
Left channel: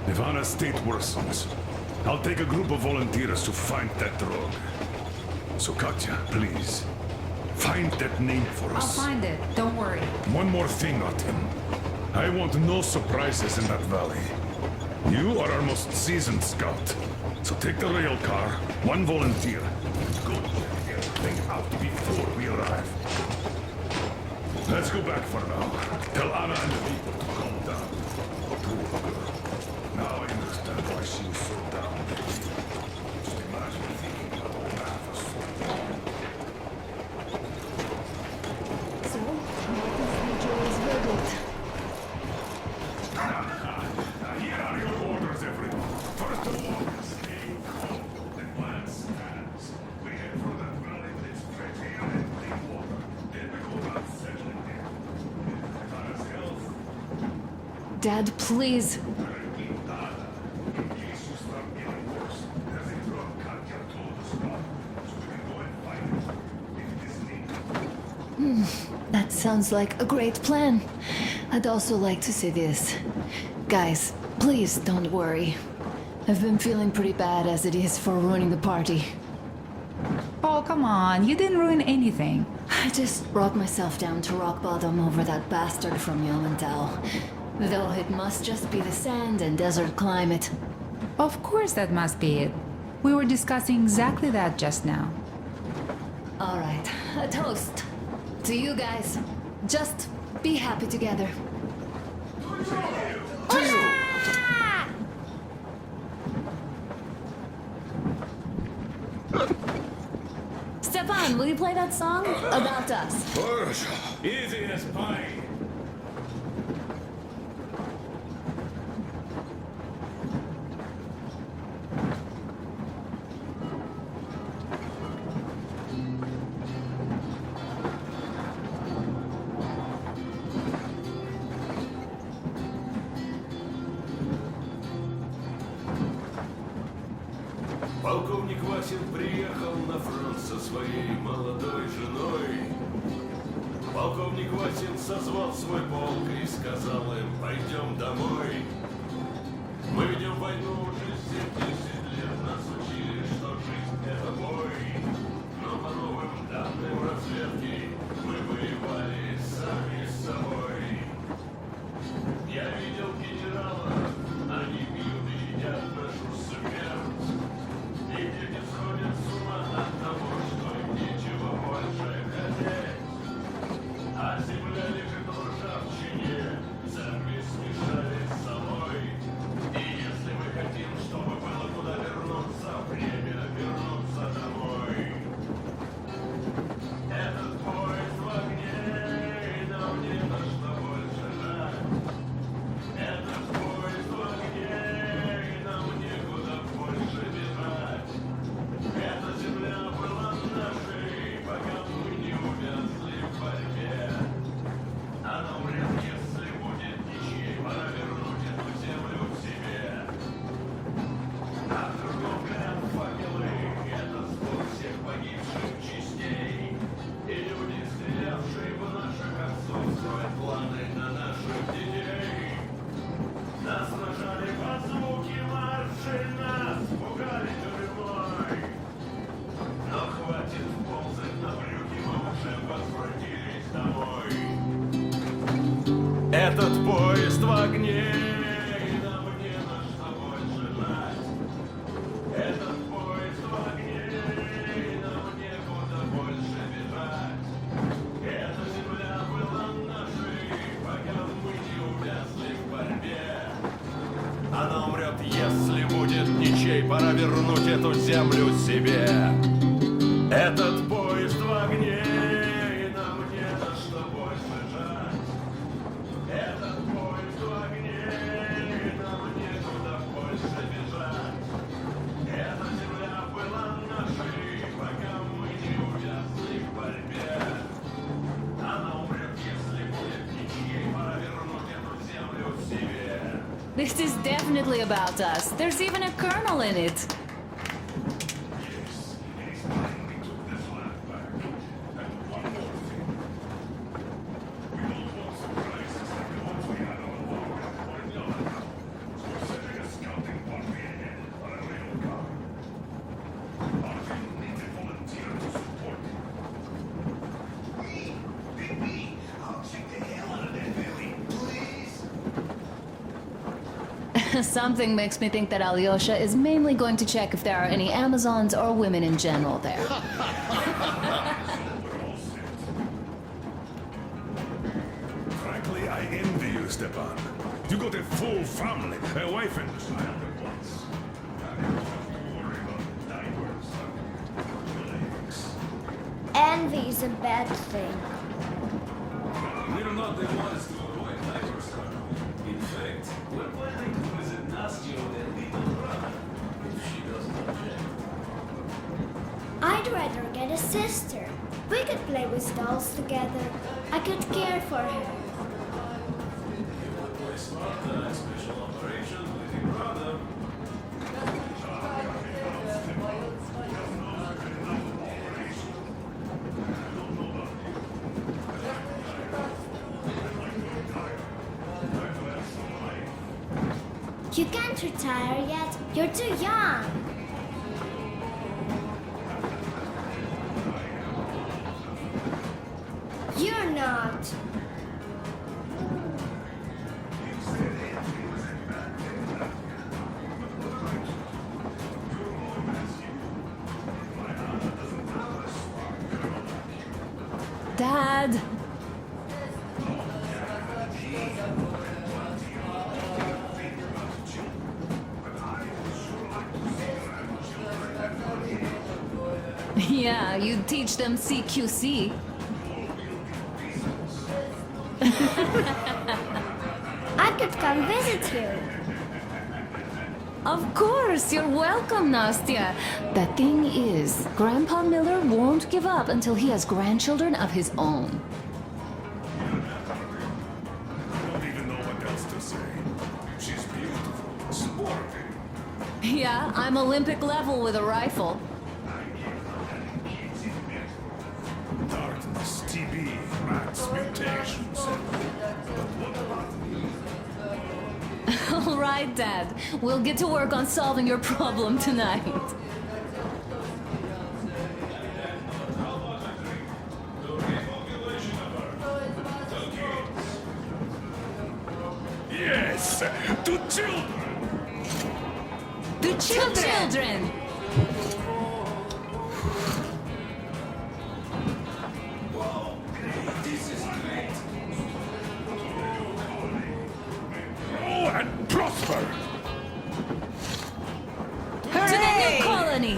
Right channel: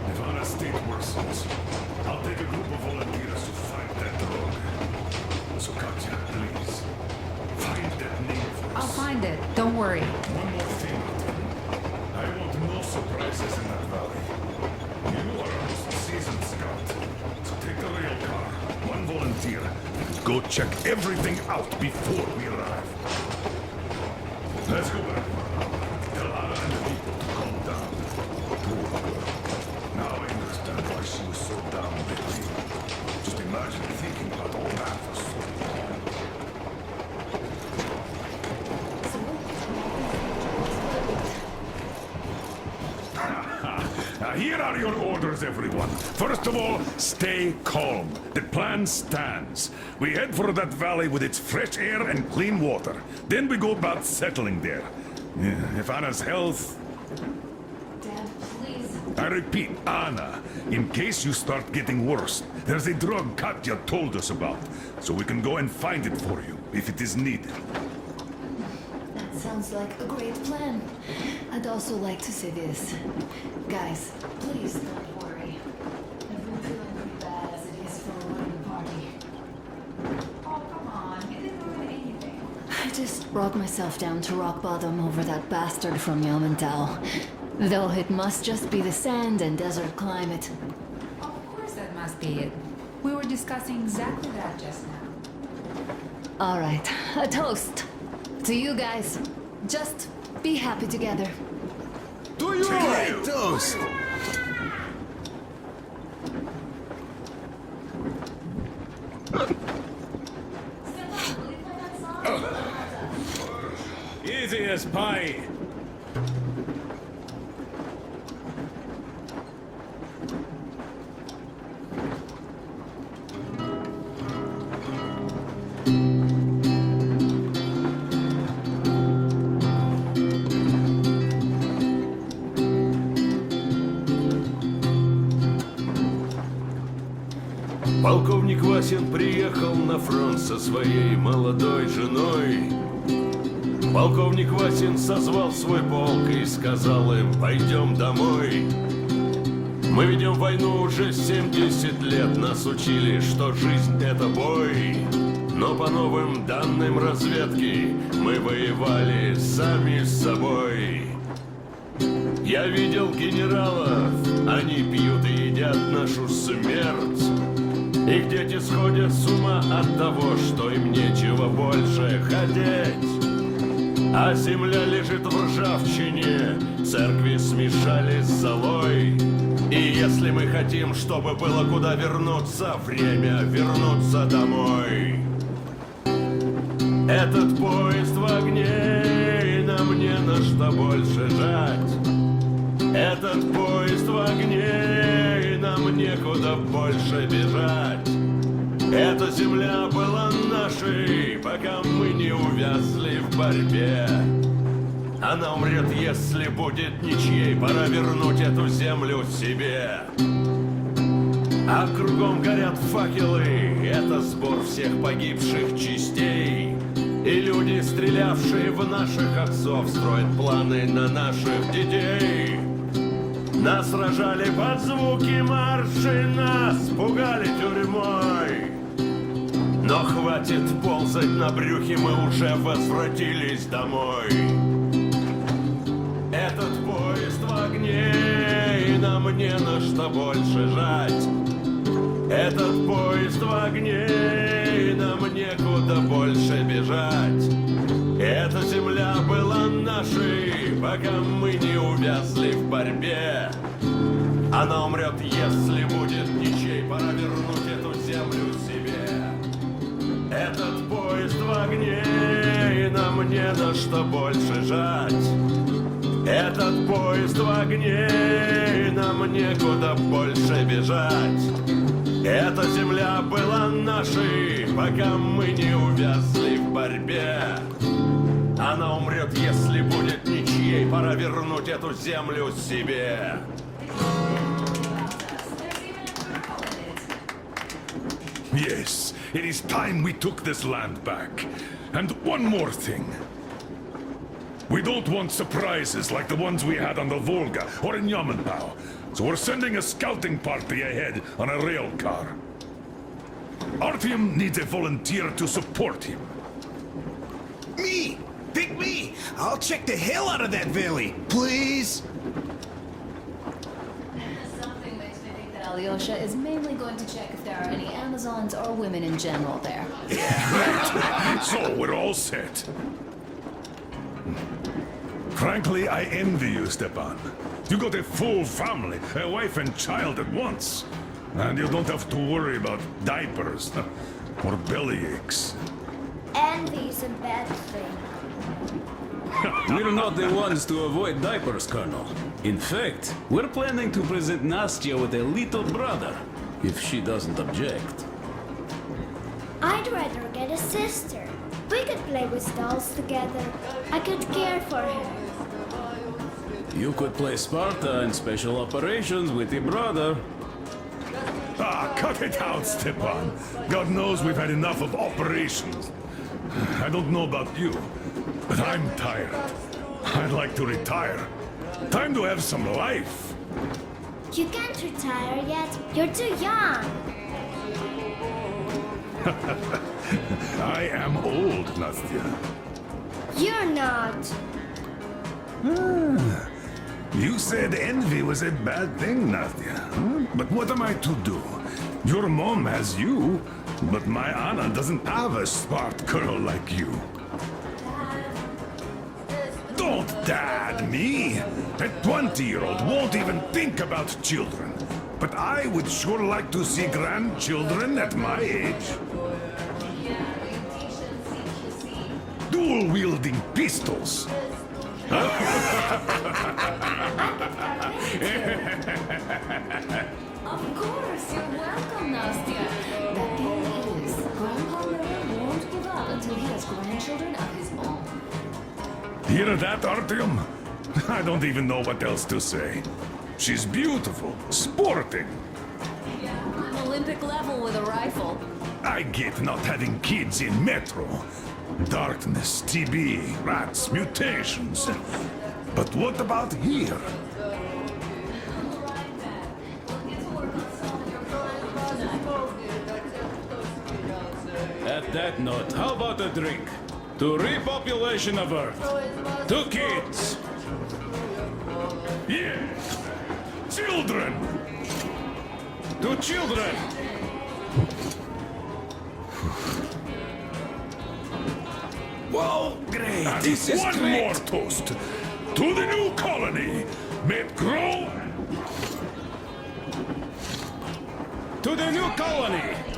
If Anna's state worsens, I'll take a group of volunteers to find that drug. So Katya, please, find that name for us. I'll find it. Don't worry. One more thing, Artyom. I want no surprises in that valley. You are our most seasoned scout. So take the rail car, one volunteer, and go check everything out before we arrive. Let's go back for now. Tell Anna and the people to calm down. Poor girl. Now I understand why she was so down lately. Just imagine thinking about all that for so long. So, what is the jury's verdict? Now here are your orders, everyone. First of all, stay calm. The plan stands. We head for that valley with its fresh air and clean water. Then we go about settling there. If Anna's health... Dad, please. I repeat, Anna, in case you start getting worse, there's a drug Katya told us about, so we can go and find it for you, if it is needed. That sounds like a great plan. I'd also like to say this. Guys, please don't worry. I've been feeling pretty bad as it is for ruining the party. Oh, come on. You didn't ruin anything. I just brought myself down to rock bottom over that bastard from Yelmental. Though it must just be the sand and desert climate. Of course that must be it. We were discussing exactly that just now. All right, a toast. To you guys. Just be happy together. Do you? Stefan, will you play that song? About us. Easy as pie. Полковник Васин приехал на фронт со своей молодой женой. Полковник Васин созвал свой полк и сказал им: пойдем домой. Мы ведем войну уже 70 лет, нас учили, что жизнь это бой. Но по новым данным разведки мы воевали сами с собой. Я видел генералов, они пьют и едят нашу смерть. Их дети сходят с ума от того, что им нечего больше хотеть. А земля лежит в ржавчине, церкви смешались с золой. И если мы хотим, чтобы было куда вернуться, время вернуться домой. Этот поезд в огне, и нам не на что больше жать. Этот поезд в огне, и нам некуда больше бежать. Эта земля была нашей, пока мы не увязли в борьбе. Она умрет, если будет ничьей, пора вернуть эту землю себе. А кругом горят факелы, это сбор всех погибших частей. И люди, стрелявшие в наших отцов, строят планы на наших детей. Нас сражали под звуки марши, нас пугали тюрьмой. Но хватит ползать на брюхе, мы уже возвратились домой. Этот поезд в огне, и нам не на что больше жать. Этот поезд в огне, и нам некуда больше бежать. Эта земля была нашей, пока мы не увязли в борьбе. Она умрет, если будет ничей, пора вернуть эту землю себе. Этот поезд в огне, и нам не на что больше жать. Этот поезд в огне, и нам некуда больше бежать. Эта земля была нашей, пока мы не увязли в борьбе. Она умрет, если будет ничьей, пора вернуть эту землю себе. This is definitely about us. There's even a colonel in it. Yes, it is time we took this land back. And one more thing. We don't want surprises like the ones we had on the Volga or in Yamantau. So we're sending a scouting party ahead on a rail car. Artyom needs a volunteer to support him. Me! Pick me! I'll check the hell out of that valley, please. Something makes me think that Alyosha is mainly going to check if there are any Amazons or women in general there. So we're all set. Frankly, I envy you, Stepan. You got a full family, a wife and child at once. And you don't have to worry about diapers or belly aches. Envy is a bad thing. We're not the ones to avoid diapers, Colonel. In fact, we're planning to present Nastya with a little brother, if she doesn't object. I'd rather get a sister. We could play with dolls together. I could care for her. You could play Sparta in special operations with your brother. Ah, cut it out, Stepan. God knows we've had enough of operations. I don't know about you, but I'm tired. I'd like to retire. Time to have some life. You can't retire yet. You're too young. I am old, Nastya. You're not. You said envy was a bad thing, Nastya. But what am I to do? Your mom has you, but my Anna doesn't have a smart girl like you. Dad! Don't dad me! A 20-year-old won't even think about children. But I would sure like to see grandchildren at my age. Yeah, you teach them CQC. Dual-wielding pistols. I could come visit you. Of course, you're welcome, Nastya. The thing is, Grandpa Miller won't give up until he has grandchildren of his own. Hear that, Artyom? I don't even know what else to say. She's beautiful, sporting. Yeah, I'm Olympic level with a rifle. I get not having kids in Metro. Darkness, TB, rats, mutations. But what about here? All right, Dad. We'll get to work on solving your problem tonight. At that note, how about a drink? To repopulation of Earth. To kids. Yes, to children. To children. Children. Whoa, great. This is one more toast. To the new colony. May it grow and prosper. To the new colony.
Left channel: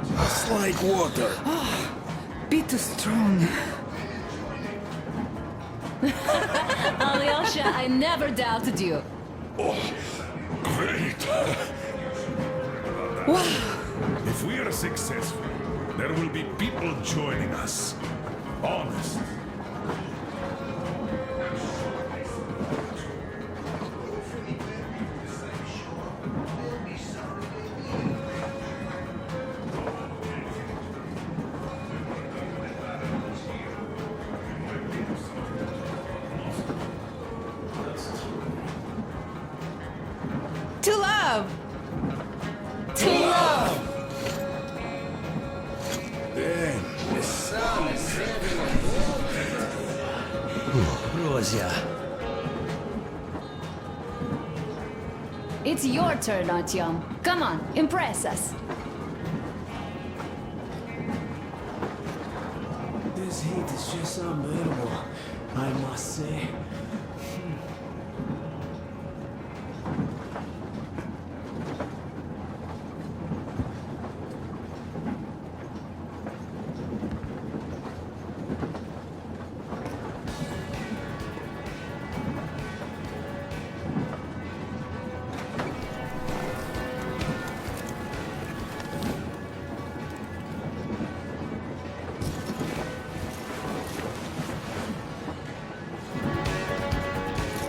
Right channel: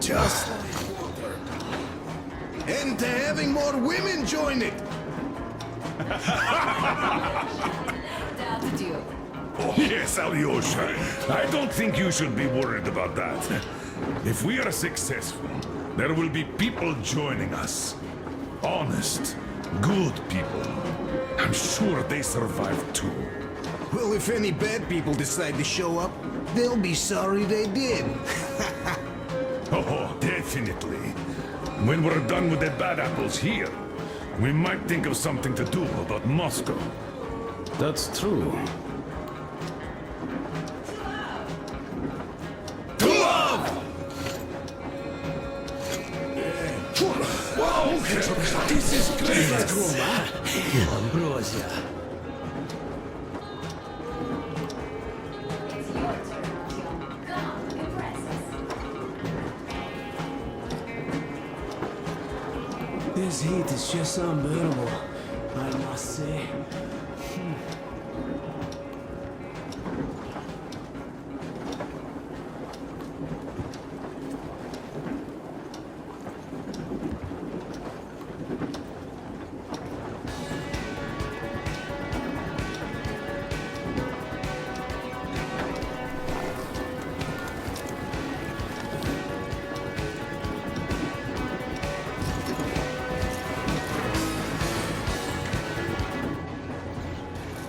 Just like water. And to having more women join it. Alyosha, I never doubted you. Oh, yes, Alyosha. I don't think you should be worried about that. If we are successful, there will be people joining us. Honest, good people. I'm sure they survive too. Well, if any bad people decide to show up, they'll be sorry they did. Oh, definitely. When we're done with the bad apples here, we might think of something to do about Moscow. That's true. To love! To love! Wow, this is great! Ambrosia. It's your turn, Artyom. Come on, impress us. This heat is just unbearable, I must say.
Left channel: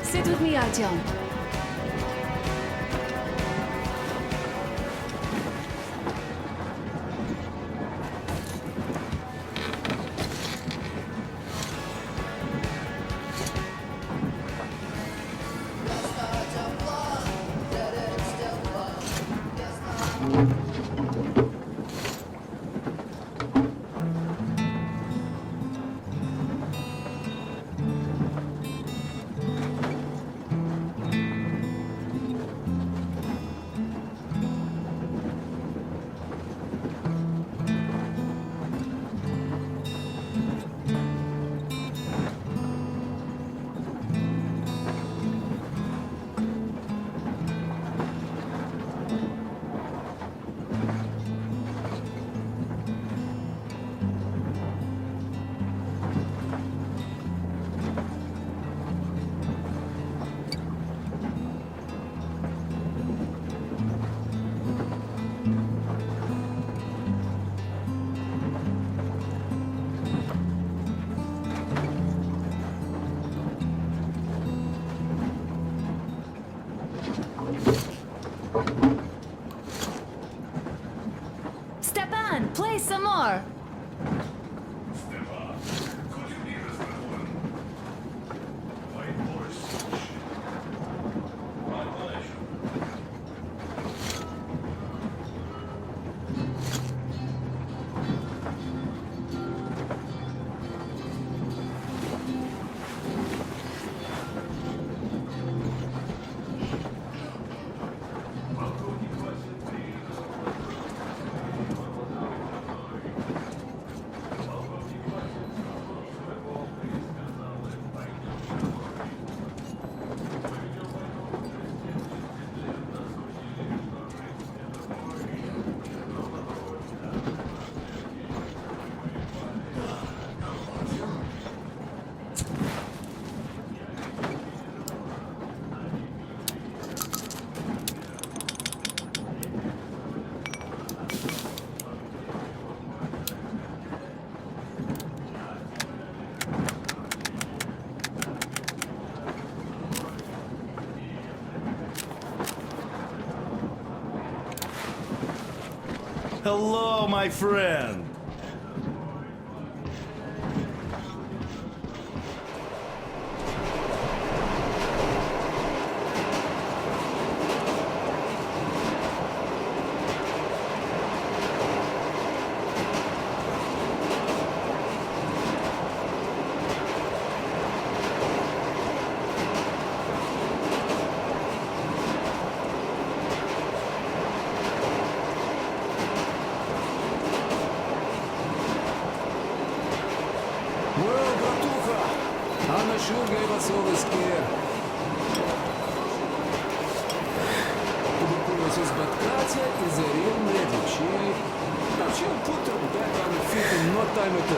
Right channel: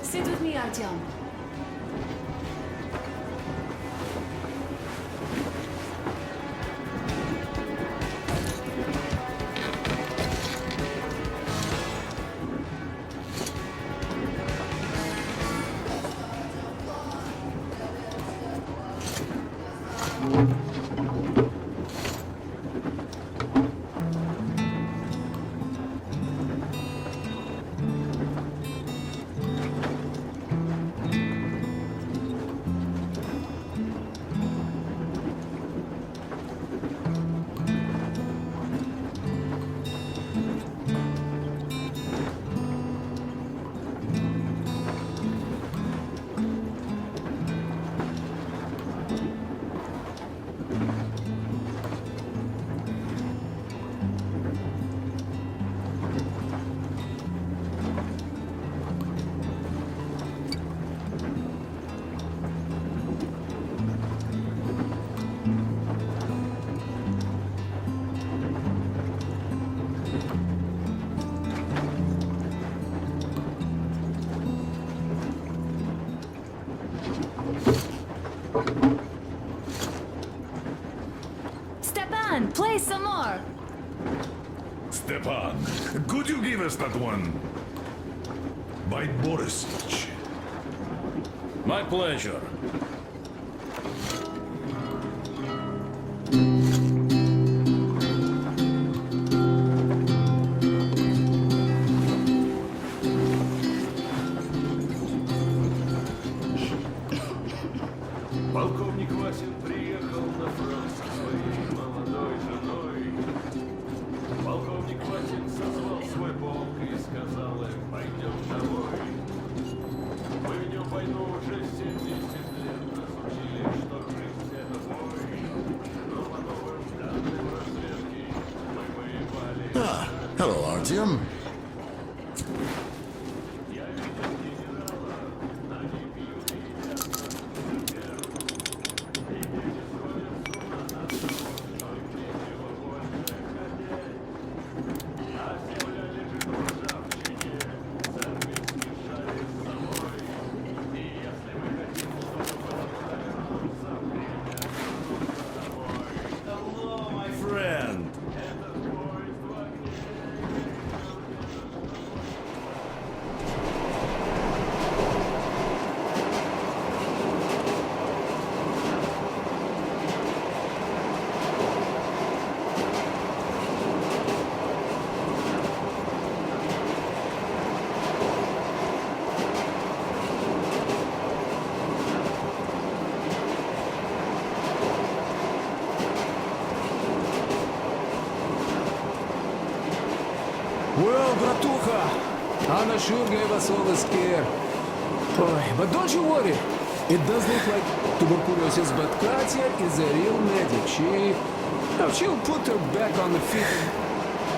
Sit with me, Artyom. Stepan, play some more. Stepan, could you give us that one? By Boris. My pleasure. Полковник Васин приехал на фронт со своей молодой женой. Полковник Васин созвал свой полк и сказал им: пойдем домой. Мы ведем войну уже 70 лет. Нас учили, что жизнь — это бой. Но потом, да, разберки, мы воевали. Ah, hello, Artyom. Hello, my friend. Well, bratucha, Anna sure gave us all a scare. But don't you worry. It does look like tuberculosis, but Katya is a real medic. She'll put her back on the feet in no time at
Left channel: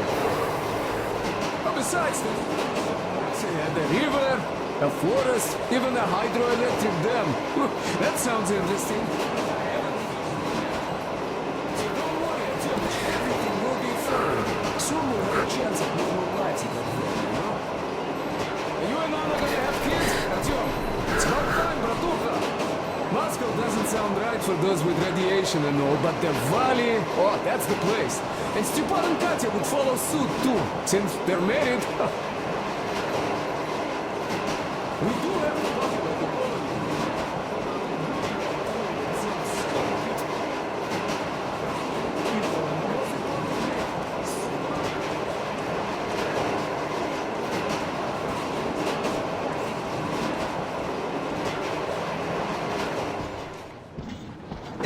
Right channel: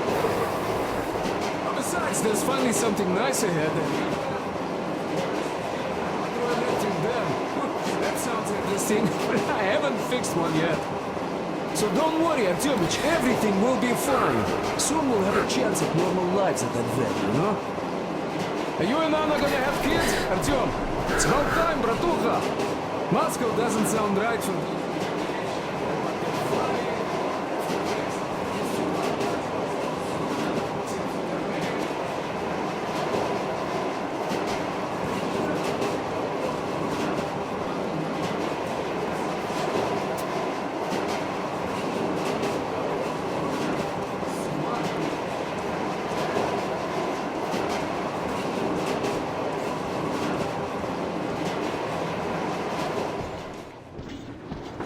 all. Besides, there's finally something nice ahead. A river, a forest, even a hydroelectric dam. That sounds interesting. I haven't fixed one yet. So don't worry, Artyomich, everything will be fine. Soon we'll have a chance at normal lives at that vet, you know? Are you and Anna gonna have kids, Artyom? It's about time, bratucha! Moscow doesn't sound right for those with radiation and all, but the valley, oh, that's the place. And Stepan and Katya would follow suit, too, since they're married.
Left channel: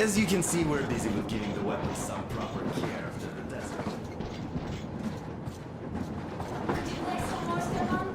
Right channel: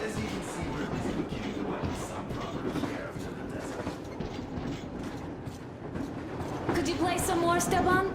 As you can see, we're busy looking into what is some proper care after the desert. Could you play some more, Stepan?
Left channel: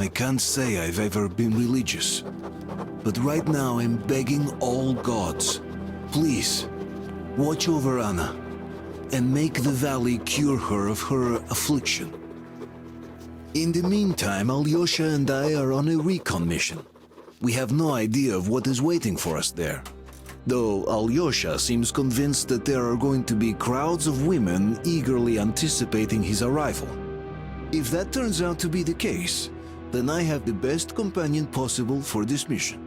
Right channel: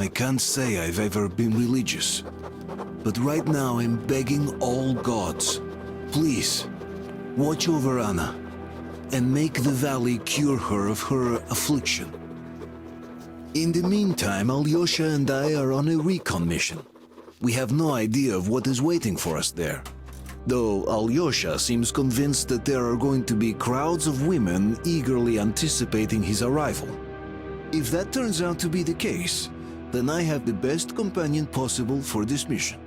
I can't say I've ever been religious, but right now I'm begging all gods, please, watch over Anna and make the valley cure her of her affliction. In the meantime, Alyosha and I are on a recon mission. We have no idea of what is waiting for us there, though Alyosha seems convinced that there are going to be crowds of women eagerly anticipating his arrival. If that turns out to be the case, then I have the best companion possible for this mission.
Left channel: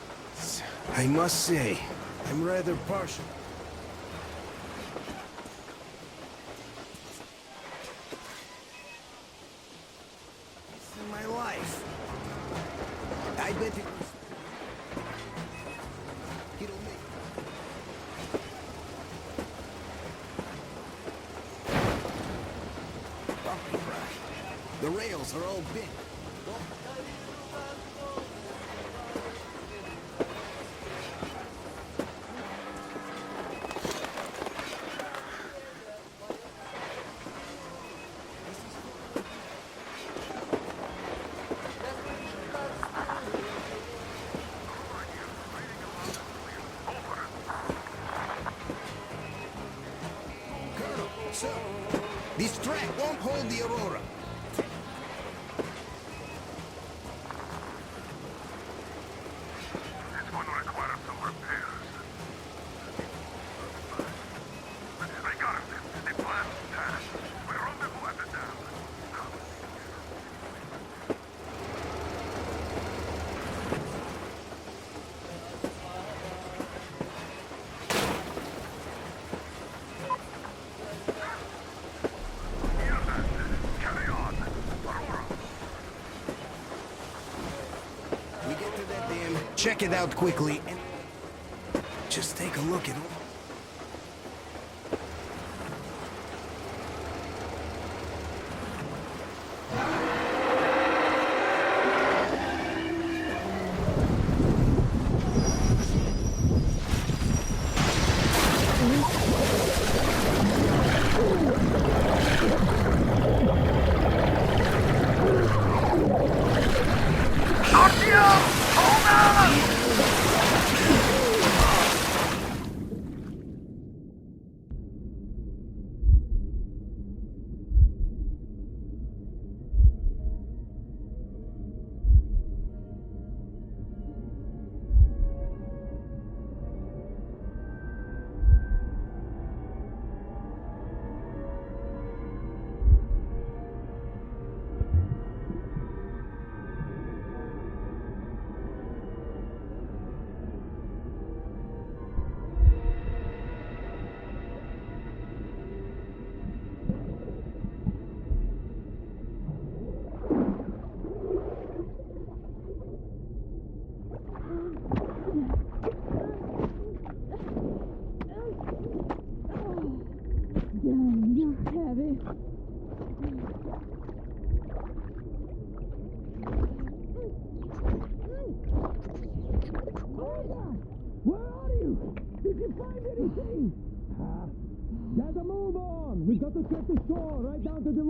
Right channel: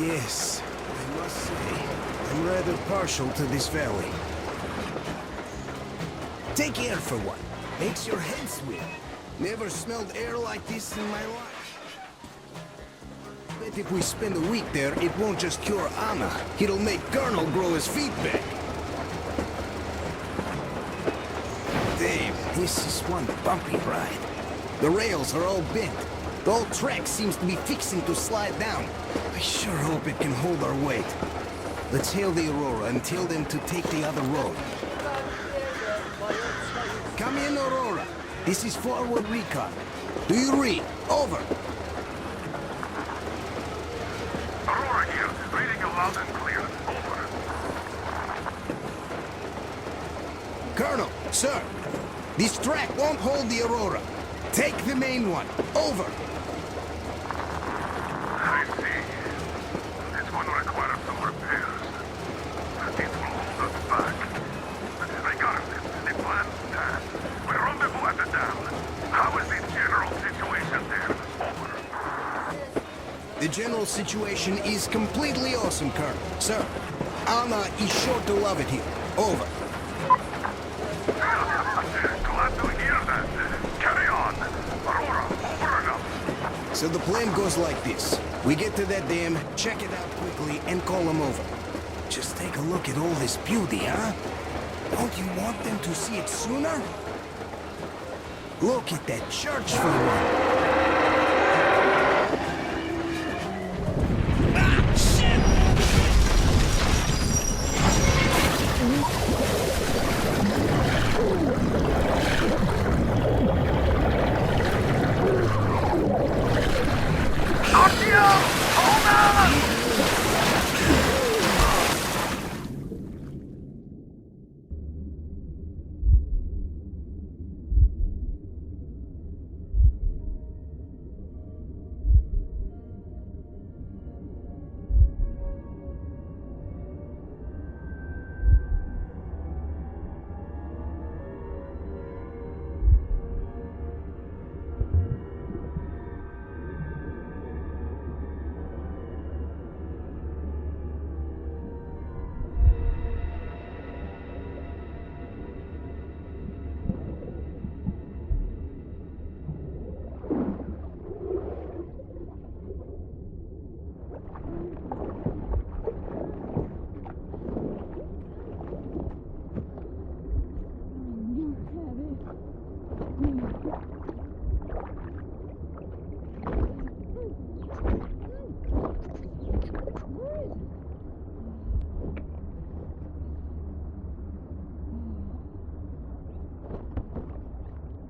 Yes, I must say, I'm rather partial to this valley. Take air for one. Makes your head swim. Never smelled air like this in my life. I bet if we spend a week there, it won't just cure Anna. It'll make Colonel grow his feet back. Damn, this is one bumpy ride. The rails are all bent. The whole track seems to be fixing to slide down. I sure hope it can hold our weight. Let's hail the Aurora and tell them to take the other road. Come in, Aurora. This is forward recon. Do you read? Over. Aurora here, reading you loud and clear. Over. Colonel, sir, this track won't hold the Aurora. Take the main one. Over. I see. This one requires some repairs. It will hold us back. Regardless, the plan's passed. We rendezvous at the dam. How is the general situation there? Over. The general situation is completely awesome, Colonel. Sir, Anna is sure to love it here. Over. Glad to hear that. Carry on. Aurora, over and up. So the plan goes like this. We get to that dam, check it out quickly, and call them over. Just take a look at all this beauty, huh? Don't you want them to see it sooner? Look at that church view.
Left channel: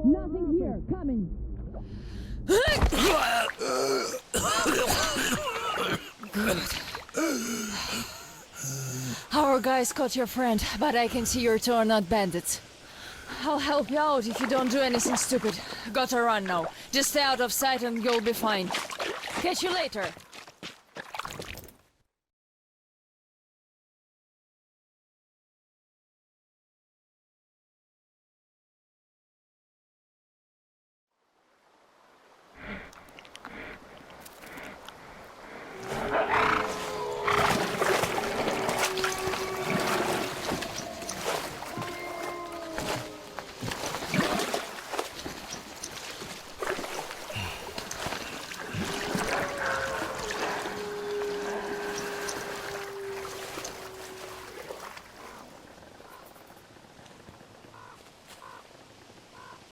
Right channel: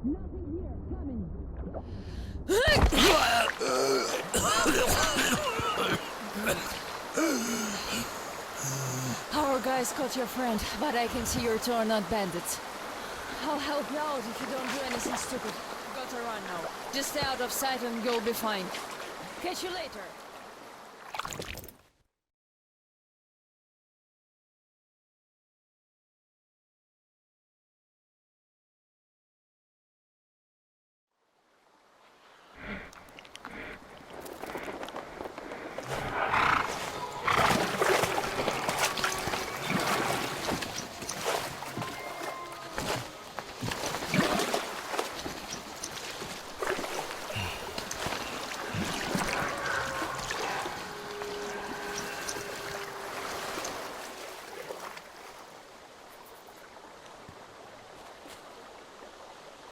Nothing here. Coming. Our guys caught your friend, but I can see your two are not bandits. I'll help you out if you don't do anything stupid. Gotta run now. Just stay out of sight and you'll be fine. Catch you later.